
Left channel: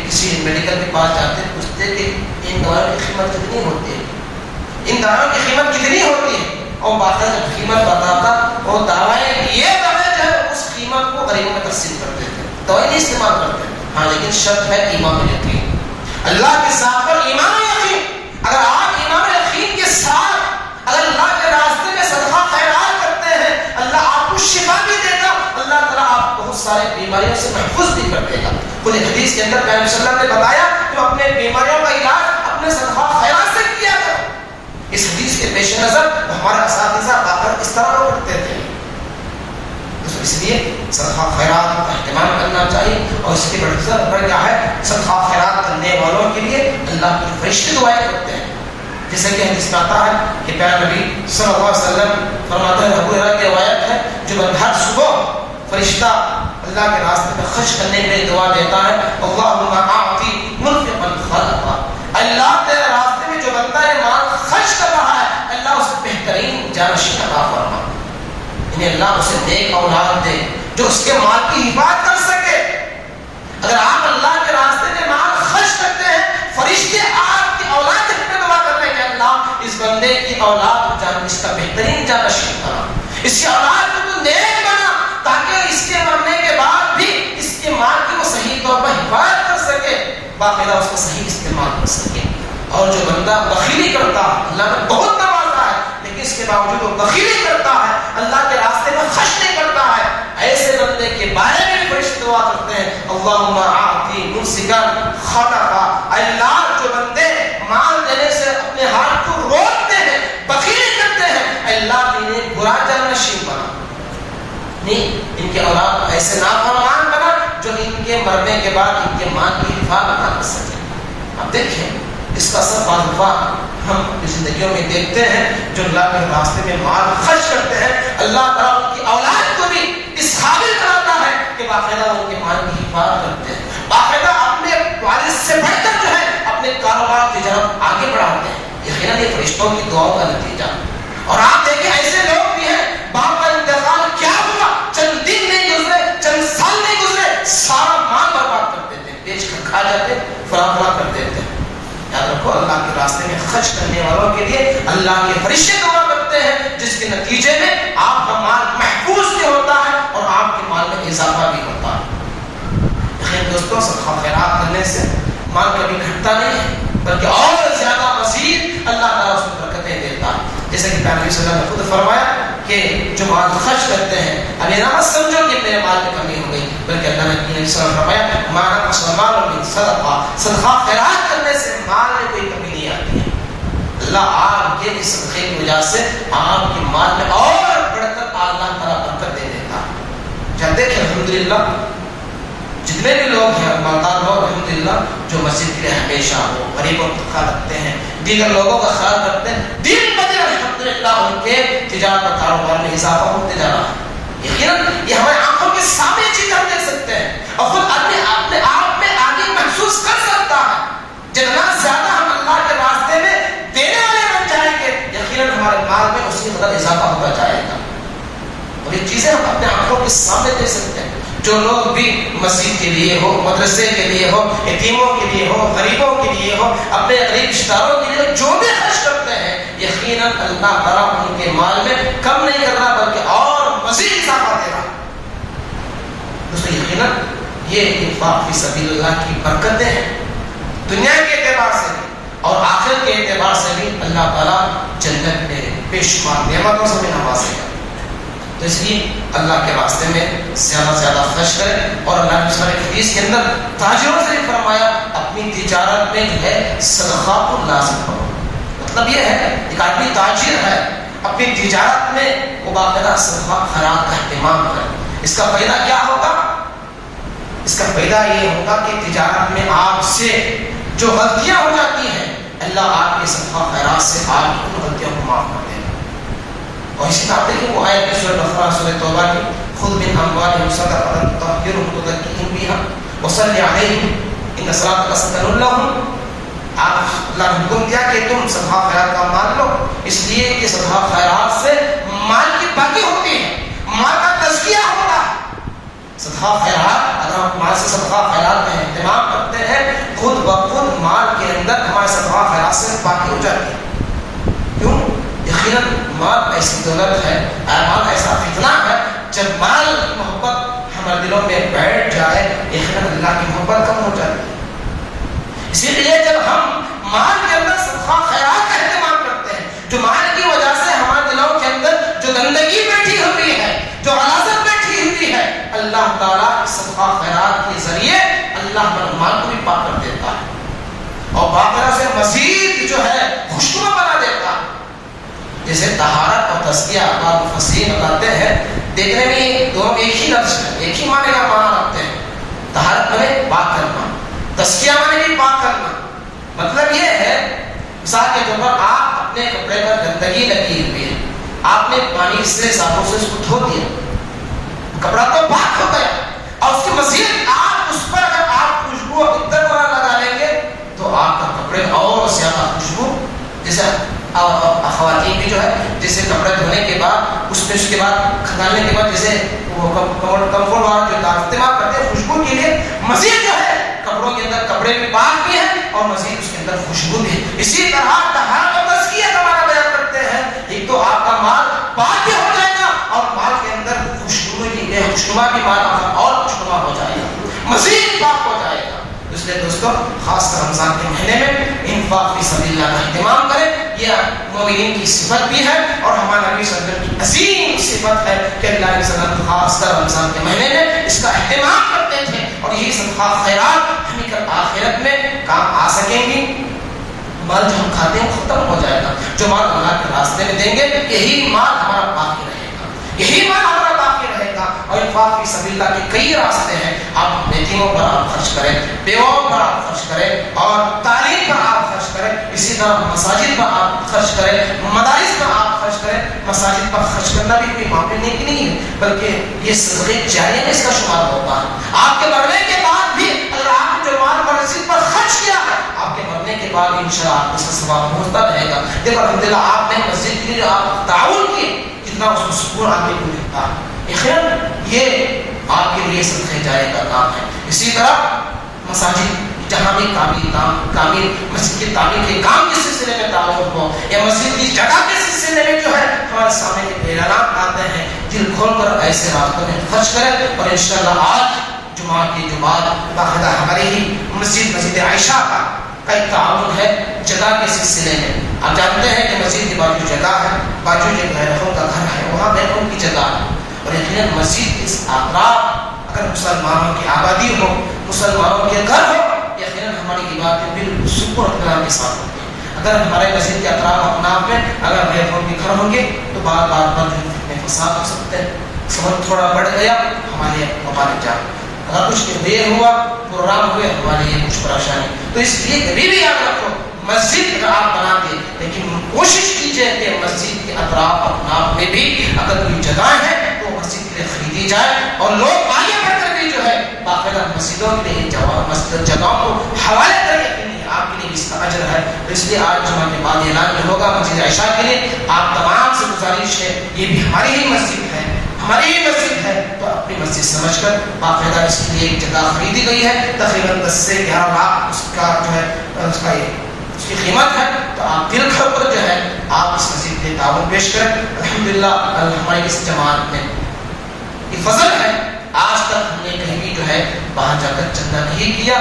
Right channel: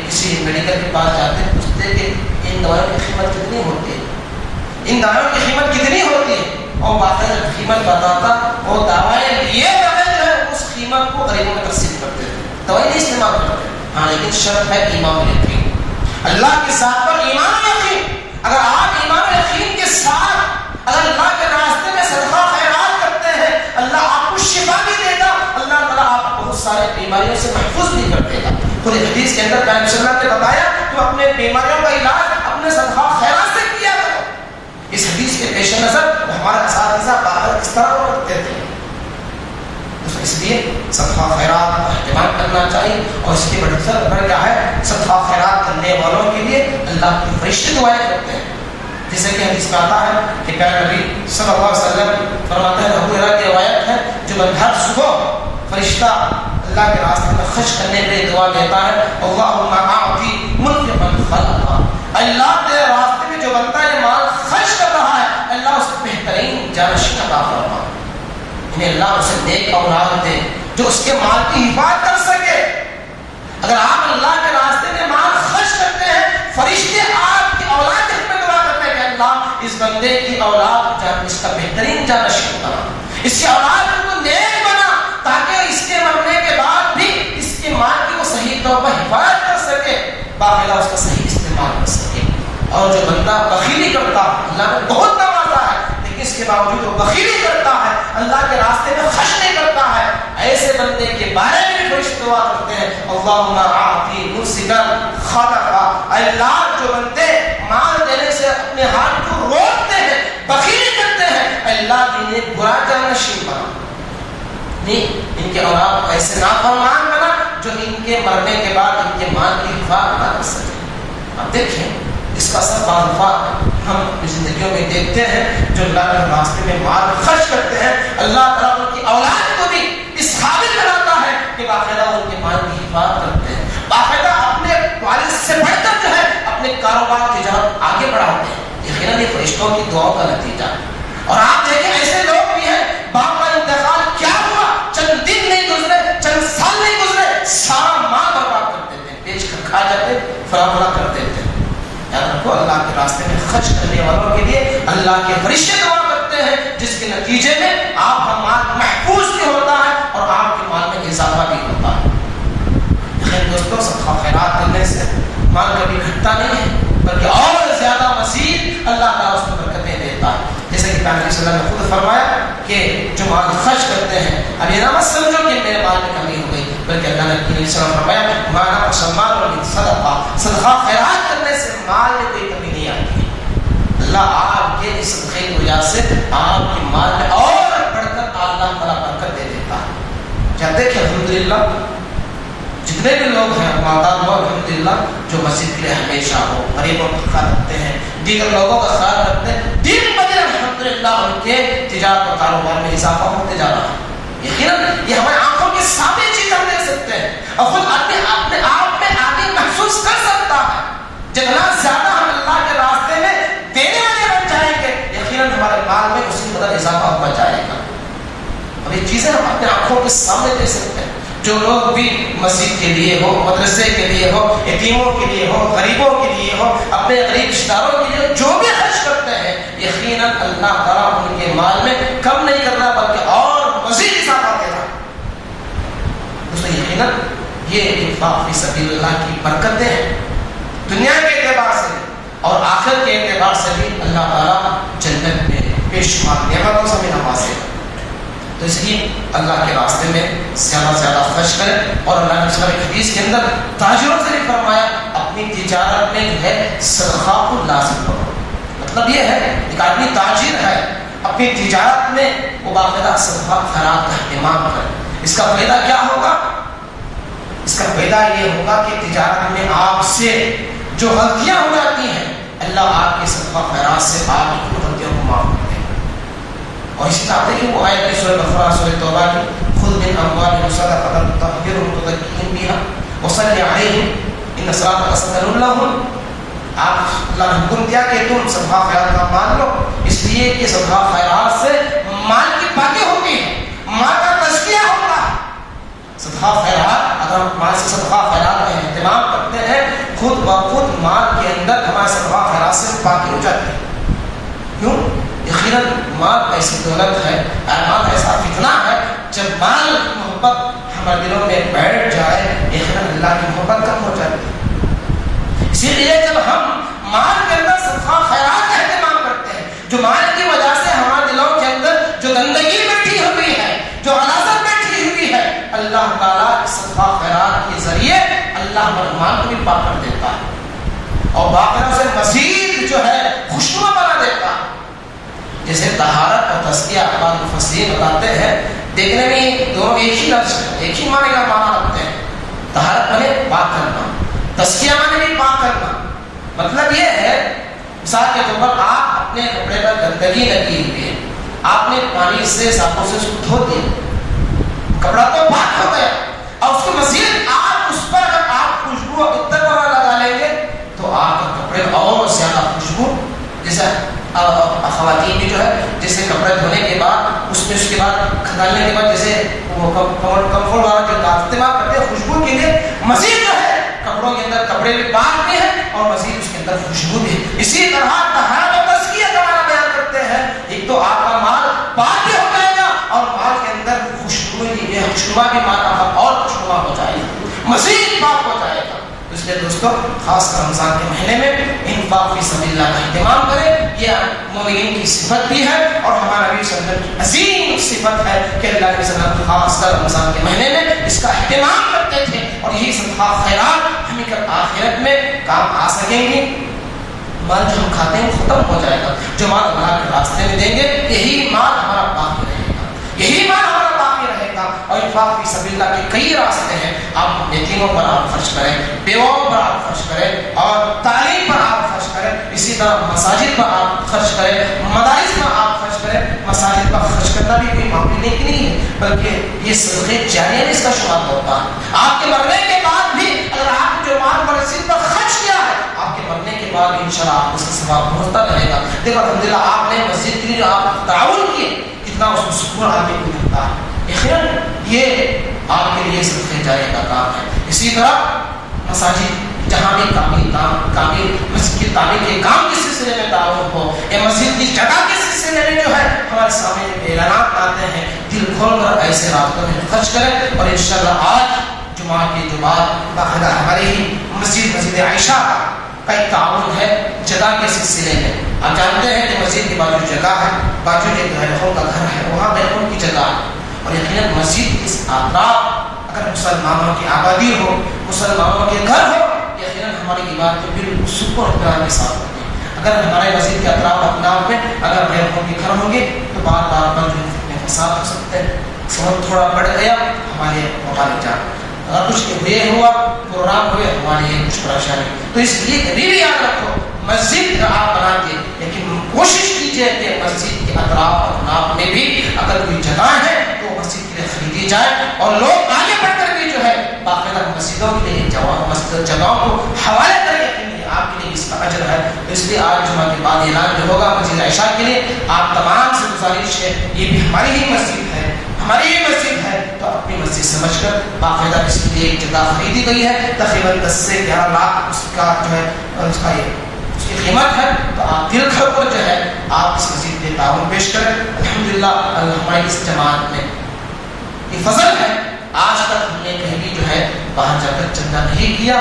کسی میڈیکل کے پاس جاتے ہیں، پوچھتے کہ ان دوائوں کی قیمت کتنی ہوتی ہے، ان دوائوں کی قیمت کتنی ہوتی ہے، اور باقاعدہ جب قیمت بتاتا وہ دوائیں لیے بغیر جو ہے اس قیمت کو غریبوں میں تقسیم کرتے تھے، دوائی نہیں استعمال کرتے۔ ہاں لیکن شرط ہے ایمان یقین، اللہ کے ساتھ پر ایمان یقین۔ اگر آپ ایمان یقین کے ساتھ اگر اللہ کے راستے میں صدقہ خیرات کرتے ہیں، اللہ آپ کو شفا بھی دے گا، اللہ تعالیٰ آپ کو بہت سارے بیماریوں سے محفوظ بھی کر دے گا۔ خود حدیث کے اندر پیغمبر صلی اللہ علیہ وسلم نے بتایا تم اپنے بیماریوں کا علاج اپنے صدقہ خیرات سے کیا کرو۔ اس حدیث کے پیش نظر ہمارے اساتذہ باقاعدہ اس طرح وہ کرتے تھے۔ اس لیے صدقہ خیرات کا اہتمام کرنا چاہیے، اور اس کی بڑھ کیا ہے، صدقہ خیرات کرنے والوں کے لیے اللہ کے فرشتے دعائیں کرتے ہیں۔ جیسے کہ حدیث میں آتا ہے کہ پیارے نبی صلی اللہ علیہ وسلم فرماتے ہیں، ابو ہریرہ کی روایت ہے، جو ہر صبح فرشتہ اللہ کے راستے میں خرچ کرنے کے لیے دعا دیتا ہے، اللہم اعطی منفقا خلفا، اللہ تیرے راستے میں جو بندہ یہ مال خرچ کر رہا ہے اللہ اسے بہترین جانشین عطا فرما، انہیں اللہ اسے نیک اولاد دے جو اس کے مال کی حفاظت کر سکے۔ اگر آپ اللہ کے راستے میں مال خرچ کرتے ہیں، فرشتے آپ کی اولاد کے حق میں دعا کرتے ہیں کہ اللہ اس بندے کی اولاد اس کا بہترین جانشین بنا، اس کی اولاد کو نیک بنا، تاکہ اس کے مرنے کے بعد بھی اس کے مال کی وہ صحیح طور پر حفاظت کر سکے، باقاعدہ اس کا صحیح استعمال کر سکے۔ اور جو بندہ بخیلی کرتا ہے، اللہ نے بہت نوازا ہے لیکن اس کے باوجود وہ بخیلی کرتا ہے، اللہ کے راستے میں خرچ نہیں کرتا ہے، ایسے بندے کے بارے میں فرشتے دعا کرتے ہیں، اللہم اعطی ممسکا خلفا، اللہ جو بندے مال دینے سے اپنے ہاتھ کو روکتے ہیں، بخیلی کرتے ہیں، اللہ انہیں برا جانشین بنا، ان کے اولاد ایسے نافرمان بنا جو ان کے مرنے کے بعد ان کے مال کی حفاظت نہ کر سکے۔ اب دیکھیں اس کا اثر بعض دفعہ ہم زندگیوں میں دیکھتے ہیں، جو اللہ کے راستے میں مال خرچ کرتے ہیں، اللہ تعالیٰ ان کی اولاد کو بھی اس قابل بناتا ہے کہ باقاعدہ ان کے مال کی حفاظت کرتے ہیں، باقاعدہ اپنے والد سے بڑھ کر جو ہے اپنے کاروبار تجارت آگے بڑھاتے ہیں۔ یقیناً یہ فرشتوں کی دعاؤں کا نتیجہ۔ اور آپ دیکھیں ایسے لوگ بھی ہیں، باپ کا انتقال کیا ہوا، چند دن نہیں گزرے، چند سال نہیں گزرے، سارا مال برباد کر دیتے، بیچ کر کھا جاتے، فراہم کر دیتے۔ یاد رکھو اللہ کے راستے میں خرچ کرنے والوں کے لیے اللہ کے فرشتے دعا کرتے ہیں، جس کے نتیجے میں آپ کا مال محفوظ بھی ہوتا ہے اور آپ کے مال میں اضافہ بھی ہوتا ہے۔ لیکن دوستوں صدقہ خیرات کرنے سے مال کبھی گھٹتا نہیں ہے، بلکہ اور زیادہ مزید اللہ تعالیٰ اس میں برکتیں دیتا ہے۔ جیسے کہ پیغمبر صلی اللہ علیہ وسلم نے خود فرمایا کہ کہ جو مال خرچ کرتے ہیں، اب یہ نہ مت سمجھو کہ میرے مال میں کمی ہو گئی، بلکہ اللہ نے نبی صلی اللہ علیہ وسلم فرمایا مانا مسلمان اور صدقہ، صدقہ خیرات کرنے سے مال میں کوئی کمی نہیں آتی ہے۔ اللہ آپ کے اس صدقے کی وجہ سے آپ کے مال میں اور بڑھ کر اللہ تعالیٰ برکت دے دیتا ہے۔ کیا دیکھیں الحمدللہ جتنے بھی لوگ ہیں مالدار لوگ الحمدللہ جو مسجد کے لیے ہمیشہ ہو، غریبوں کا خیال رکھتے ہیں، دیگر لوگوں کا خیال رکھتے ہیں، دن بدن الحمدللہ ان کے تجارت اور کاروبار میں اضافہ ہوتے جا رہا ہے۔ یقیناً یہ ہمارے آنکھوں کے سامنے چیز ہم دیکھ سکتے ہیں اور خود اپنے آپ میں آگے محسوس کر سکتا ہے۔ جتنا زیادہ ہم اللہ کے راستے میں دینے والے بن جائیں گے، یقیناً ہمارے مال میں اسی قدر اضافہ ہوتا جائے گا۔ اب یہ چیزیں ہم اپنے آنکھوں کے سامنے دیکھ سکتے ہیں۔ جو لوگ بھی مسجد کے لیے ہو، مدرسے کے لیے ہو، یتیموں کے لیے ہو، غریبوں کے لیے ہو، اپنے غریب رشتہ داروں کے لیے جو بھی خرچ کرتے ہیں، یقیناً اللہ تعالیٰ ان کے مال میں کم نہیں کر رہا بلکہ اور مزید اضافہ دے رہا۔ دوستو یقیناً یہ انفاق فی سبیل اللہ کی برکتیں ہیں، دنیا کے اعتبار سے اور آخرت کے اعتبار سے بھی اللہ تعالیٰ جنت میں بے شمار نعمتوں سے ہمیں نوازے گا۔ تو اس لیے اللہ کے راستے میں زیادہ سے زیادہ خرچ کریں، اور اللہ نے سورہ حدیث کے اندر تاجروں سے بھی فرمایا اپنی تجارت میں جو ہے صدقہ کو لازم کرو۔ مطلب یہ ہے ایک آدمی تاجر ہے، اپنی تجارت میں وہ باقاعدہ صدقہ خیرات کا اہتمام کرے۔ اس کا فائدہ کیا ہوگا؟ اس کا فائدہ یہ ہوگا کہ تجارت میں آپ سے جو غلطیاں ہو جاتی ہیں، اللہ آپ کے صدقہ خیرات سے آپ کی غلطیوں کو معاف کر دے گا۔ اور اسی طرح دیکھیں وہ آیت سورہ بقرہ سورہ توبہ کی خذ من اموالهم صدقة تطهرهم وتزكيهم بها وصل عليهم ان صلاتك سكن لهم۔ آپ اللہ نے حکم دیا کہ تم صدقہ خیرات کا مال لو، اس لیے کہ صدقہ خیرات سے مال کی پاکی ہوتی ہے، مال کا تزکیہ ہوتا ہے۔ صدقہ خیرات اگر ہم مال سے صدقہ خیرات کا اہتمام کرتے ہیں، خود بخود مال کے اندر ہمارے صدقہ خیرات سے پاکی ہو جاتی ہے۔ کیوں؟ یقیناً مال ایسی دولت ہے، مال ایسا فتنہ ہے، جب مال کی محبت ہمارے دلوں میں بیٹھ جائے، یقیناً اللہ کی محبت کم ہو جاتی ہے۔ اسی لیے جب ہم مال کے اندر صدقہ خیرات کا اہتمام کرتے ہیں، جو مال کی وجہ سے ہمارے دلوں کے اندر جو گندگی بیٹھی ہوئی ہے، جو غلاظت بیٹھی ہوئی ہے، اللہ تعالیٰ صدقہ خیرات کے ذریعے اللہ ہمارے مال کو بھی پاک کر دیتا ہے اور باقاعدہ سے مزید جو ہے خوشبو بنا دیتا ہے۔ جیسے طہارت اور تزکیہ بعض مفسرین بتاتے ہیں، دیکھنے میں دونوں ایک ہی لفظ ہے، ایک ہی معنی کا معنی رکھتے ہیں۔ طہارت میں پاک کرنا، تزکیہ میں بھی پاک کرنا۔ مطلب یہ ہے مثال کے طور پر آپ اپنے کپڑے پر گندگی لگی ہوئی ہے، آپ نے پانی سے صابن سے اس کو دھو دیا، کپڑا تو پاک ہو گیا، اور اس کے مزید آپ اس پر اگر آپ خوشبو عطر وغیرہ لگا لیں گے تو آپ کا کپڑے میں اور زیادہ خوشبو، جیسے خواتین کی جو ہے جیسے کپڑے دھونے کے بعد اس کے بعد کھدانے کے بعد جیسے وہ کمفرٹ والا جو استعمال کرتے ہیں خوشبو کے لیے، مزید جو ہے کپڑوں کے اندر کپڑے بھی پاک بھی ہیں اور مزید اس کے اندر خوشبو بھی ہے۔ اسی طرح طہارت اور تزکیہ کا معنی بیان کرتے ہیں، ایک تو آپ کا مال پاک بھی ہو جائے گا اور مال کے اندر خوشبو کی بے خوشبو بھی مال اور خوشبو ہو جائے گا، مزید پاک ہو جائے گا۔ اس لیے دوستو خاص کر رمضان کے مہینے میں انفاق فی سبیل اللہ کا اہتمام کریں، یہ مومنین کی صفت بھی ہے اور ہمارے نبی صلی اللہ علیہ وسلم کی عظیم صفت ہے کہ اللہ کے وسلم خاص کر رمضان کے مہینے میں اس کا اہتمام کرتے تھے، اور یہی صدقہ خیرات ہمیں کل آخرت میں کام آ سکیں گی۔ مال جو ہم کھاتے ہیں ختم ہو جائے گا، جو مال اللہ کے راستے میں دیں گے یہی مال ہمارا باقی رہے گا، یہی مال ہمارا باقی رہے گا۔ اور انفاق فی سبیل اللہ کے کئی راستے ہیں، آپ یتیموں پر آپ خرچ کریں، بیواؤں پر آپ خرچ کریں، اور تعلیم پر آپ خرچ کریں، اسی طرح مساجد پر آپ خرچ کریں، مدارس پر آپ خرچ کریں۔ مساجد پر خرچ کرنا بھی کوئی معمولی نہیں کی نہیں ہے، بلکہ یہ صدقے جاریہ میں اس کا شمار ہوتا ہے۔ آپ کے مرنے کے بعد بھی اگر آپ جو مال مسجد پر خرچ کیا ہے، آپ کے مرنے کے بعد انشاءاللہ آپ کو اس کا ثواب پہنچتا رہے گا۔ دیکھو الحمدللہ آپ نے مسجد کے لیے آپ تعاون کیے، کتنا اس کو سکون آدمی کو ملتا ہے۔ خیر یہ آپ کے لیے صدقہ جاریہ کا کام ہے۔ اسی طرح مساجد جہاں بھی تعمیر مسجد کی تعمیر کے کام کے سلسلے میں تعاون ہو یا مسجد کی جگہ کے سلسلے میں جو ہے ہمارے سامنے اعلانات آتے ہیں، دل کھول کر ایسے راستوں میں خرچ کریں۔ اور انشاءاللہ آج جمعہ کی جمعہ باقاعدہ ہماری ہی مسجد عائشہ کا ایک تعاون ہے جگہ کے سلسلے میں۔ آپ جانتے ہیں کہ مسجد کی بازو جگہ ہے، بازو ایک غیروں کا گھر ہے، وہاں غیروں کی جگہ ہے، اور یقیناً مسجد کے اطراف اگر مسلمانوں کی آبادی ہو، مسلمانوں کے گھر ہو، یقیناً ہماری عبادت بالکل سکون اور اطمینان کے ساتھ ہوتی ہے۔ اگر ہمارے مسجد کے اطراف اپناف میں اگر غیروں کے گھر ہوں گے تو بار بار بند فساد ہو سکتے ہیں، سبب تھوڑا بڑھ گیا ہمارے مبارک جان، اگر کچھ دیر ہوا پروگرام ہوئے ہمارے لیے کچھ پریشانی، تو اس لیے کبھی بھی یاد رکھو مسجد آپ بنا کے لیکن کوشش کیجیے کہ مسجد کے اطراف اپناف میں بھی اگر کوئی جگہ ہے تو مسجد کے لیے خریدی جائے، اور لوگ آگے بڑھ کر بھی جو ہے باقاعدہ مسجدوں کے لیے مسجد جگہوں کو حوالے کریں، آپ کے لیے اس کا اجر ہے۔ تو اس لیے آج جمعہ کے بعد اعلان جو ہوگا مسجد عائشہ کے لیے آپ تمام سے گزارش ہے، یہ بھی ہماری ہی مسجد ہے، ہماری ہی مسجد ہے، تو اپنی مسجد سمجھ کر باقاعدہ اس کے لیے ایک جگہ خریدی گئی ہے، تقریباً 10 سے 11 لاکھ اس کا جو ہے اس کی قیمت ہے، تو آپ دل کھول کر جو ہے آپ اس مسجد کے تعاون پیش کریں۔ الحمدللہ ہماری اس جماعت میں یہ فضل ہے، آج تک ہم نے کہیں بھی جو ہے باہر جا کر چندہ نہیں کیا،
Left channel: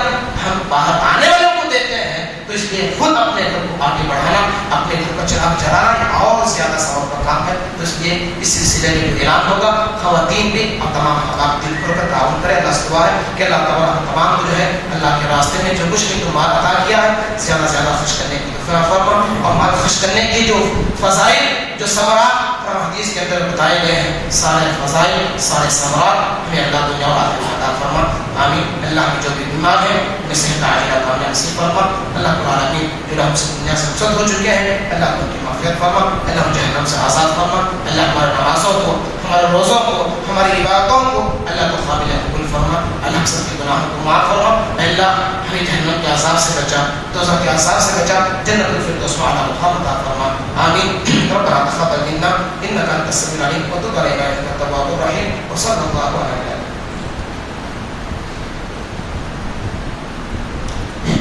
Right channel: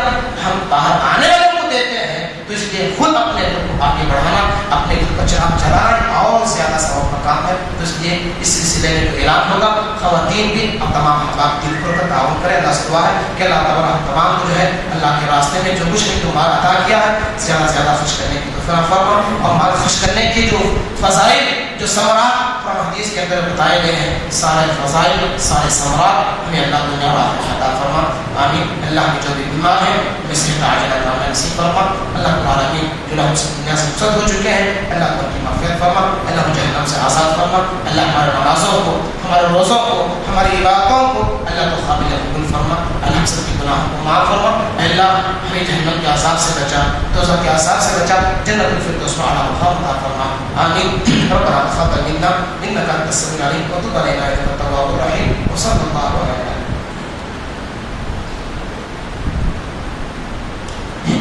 ہم باہر آنے والوں کو دیتے ہیں، تو اس لیے خود اپنے گھر کو آگے بڑھانا، اپنے گھر کو چراغ جلانا اور زیادہ ثواب کا کام ہے۔ تو اس لیے اس سلسلے میں جو اعلان ہوگا خواتین بھی اور تمام حضرات دل کھول کر تعاون کریں۔ اللہ سے دعا ہے کہ اللہ تعالیٰ تمام کو جو ہے اللہ کے راستے میں جو کچھ بھی مال عطا کیا ہے زیادہ سے زیادہ خرچ کرنے کی توفیق فرما، اور مال خرچ کرنے کی جو فضائل جو ثمرات حدیث کے اندر بتائے گئے ہیں، سارے فضائل سارے ثمرات ہمیں اللہ دنیا اور آخرت میں عطا فرما، آمین۔ اللہ کے جو بھی بیمار ہیں نصیحت عاجلہ اللہ نصیب فرما، اللہ تعالیٰ کی جو ہم سے دنیا سے رخصت ہو چکے ہیں اللہ کو ان کی معافیت فرما، اللہ کو جہنم سے آزاد فرما، اللہ ہمارے نمازوں کو، ہمارے روزوں کو، ہماری عبادتوں کو اللہ کو قابل قبول فرما، اللہ سب کے گناہوں کو معاف فرما، اللہ ہمیں جہنم کے عذاب سے بچا، دوزخ کے عذاب سے بچا، جنت الفردوس میں اعلیٰ مقام عطا فرما، آمین۔ ربنا تقبل منا انك انت السميع العليم وتب علينا انك انت التواب الرحيم وصلى الله على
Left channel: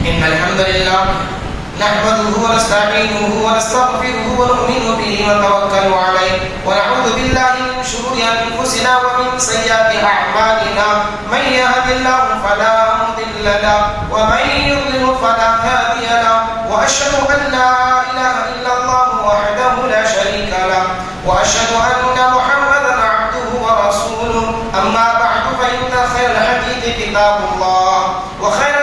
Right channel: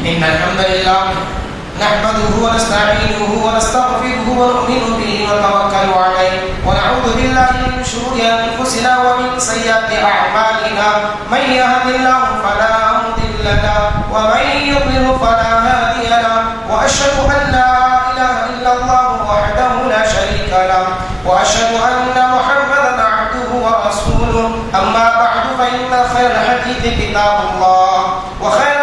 إن الحمد لله نحمده ونستعينه ونستغفره ونؤمن به ونتوكل عليه ونعوذ بالله من شرور أنفسنا ومن سيئات أعمالنا من يهد الله فلا مضل له ومن يضلل فلا هادي له وأشهد أن لا إله إلا الله وحده لا شريك له وأشهد أن محمدا عبده ورسوله أما بعد فإن خير الحديث كتاب الله وخير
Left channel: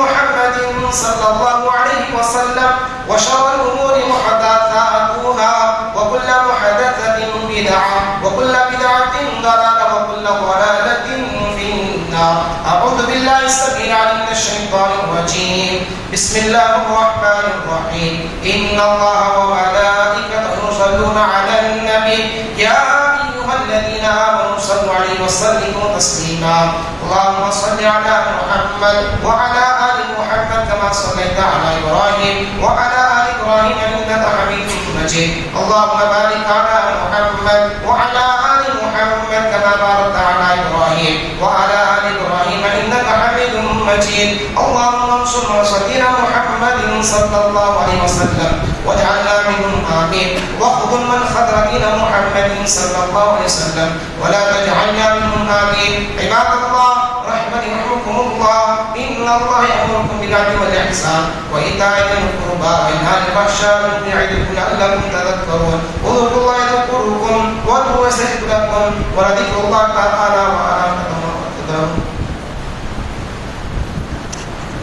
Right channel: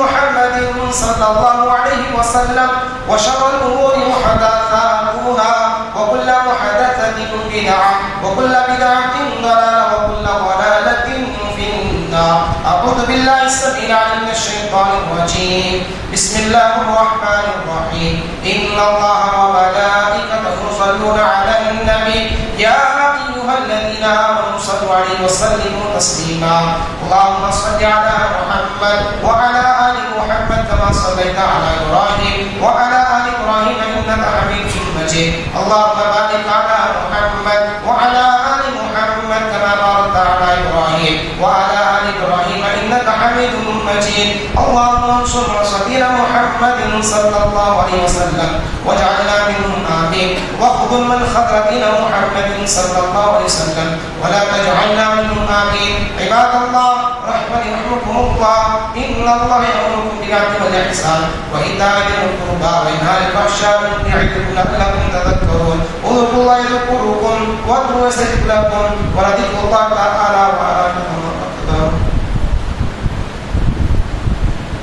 محمد صلى الله عليه وسلم وشر الأمور محدثاتها وكل محدثة بدعة وكل بدعة ضلالة وكل ضلالة في النار أعوذ بالله السميع العليم من الشيطان الرجيم بسم الله الرحمن الرحيم إن الله وملائكته يصلون على النبي يا أيها الذين آمنوا صلوا عليه وسلموا تسليما اللهم صل على محمد وعلى آل محمد كما صليت على إبراهيم وعلى آل إبراهيم إنك حميد مجيد اللهم بارك على محمد وعلى آل محمد كما باركت على إبراهيم وعلى آل إبراهيم إنك حميد مجيد اللهم انصر سبيل محمد صلى الله عليه وسلم واجعلنا منهم آمين واخذل من خذل دين محمد صلى الله عليه وسلم ولا تجعلنا منهم آمين عباد الله رحمة يرحمكم الله إن الله يأمركم بالعدل والإحسان وإيتاء ذي القربى وينهى عن الفحشاء يعظكم لعلكم تذكرون اذكروا الله يذكركم وادعوه يستجب لكم ولذكر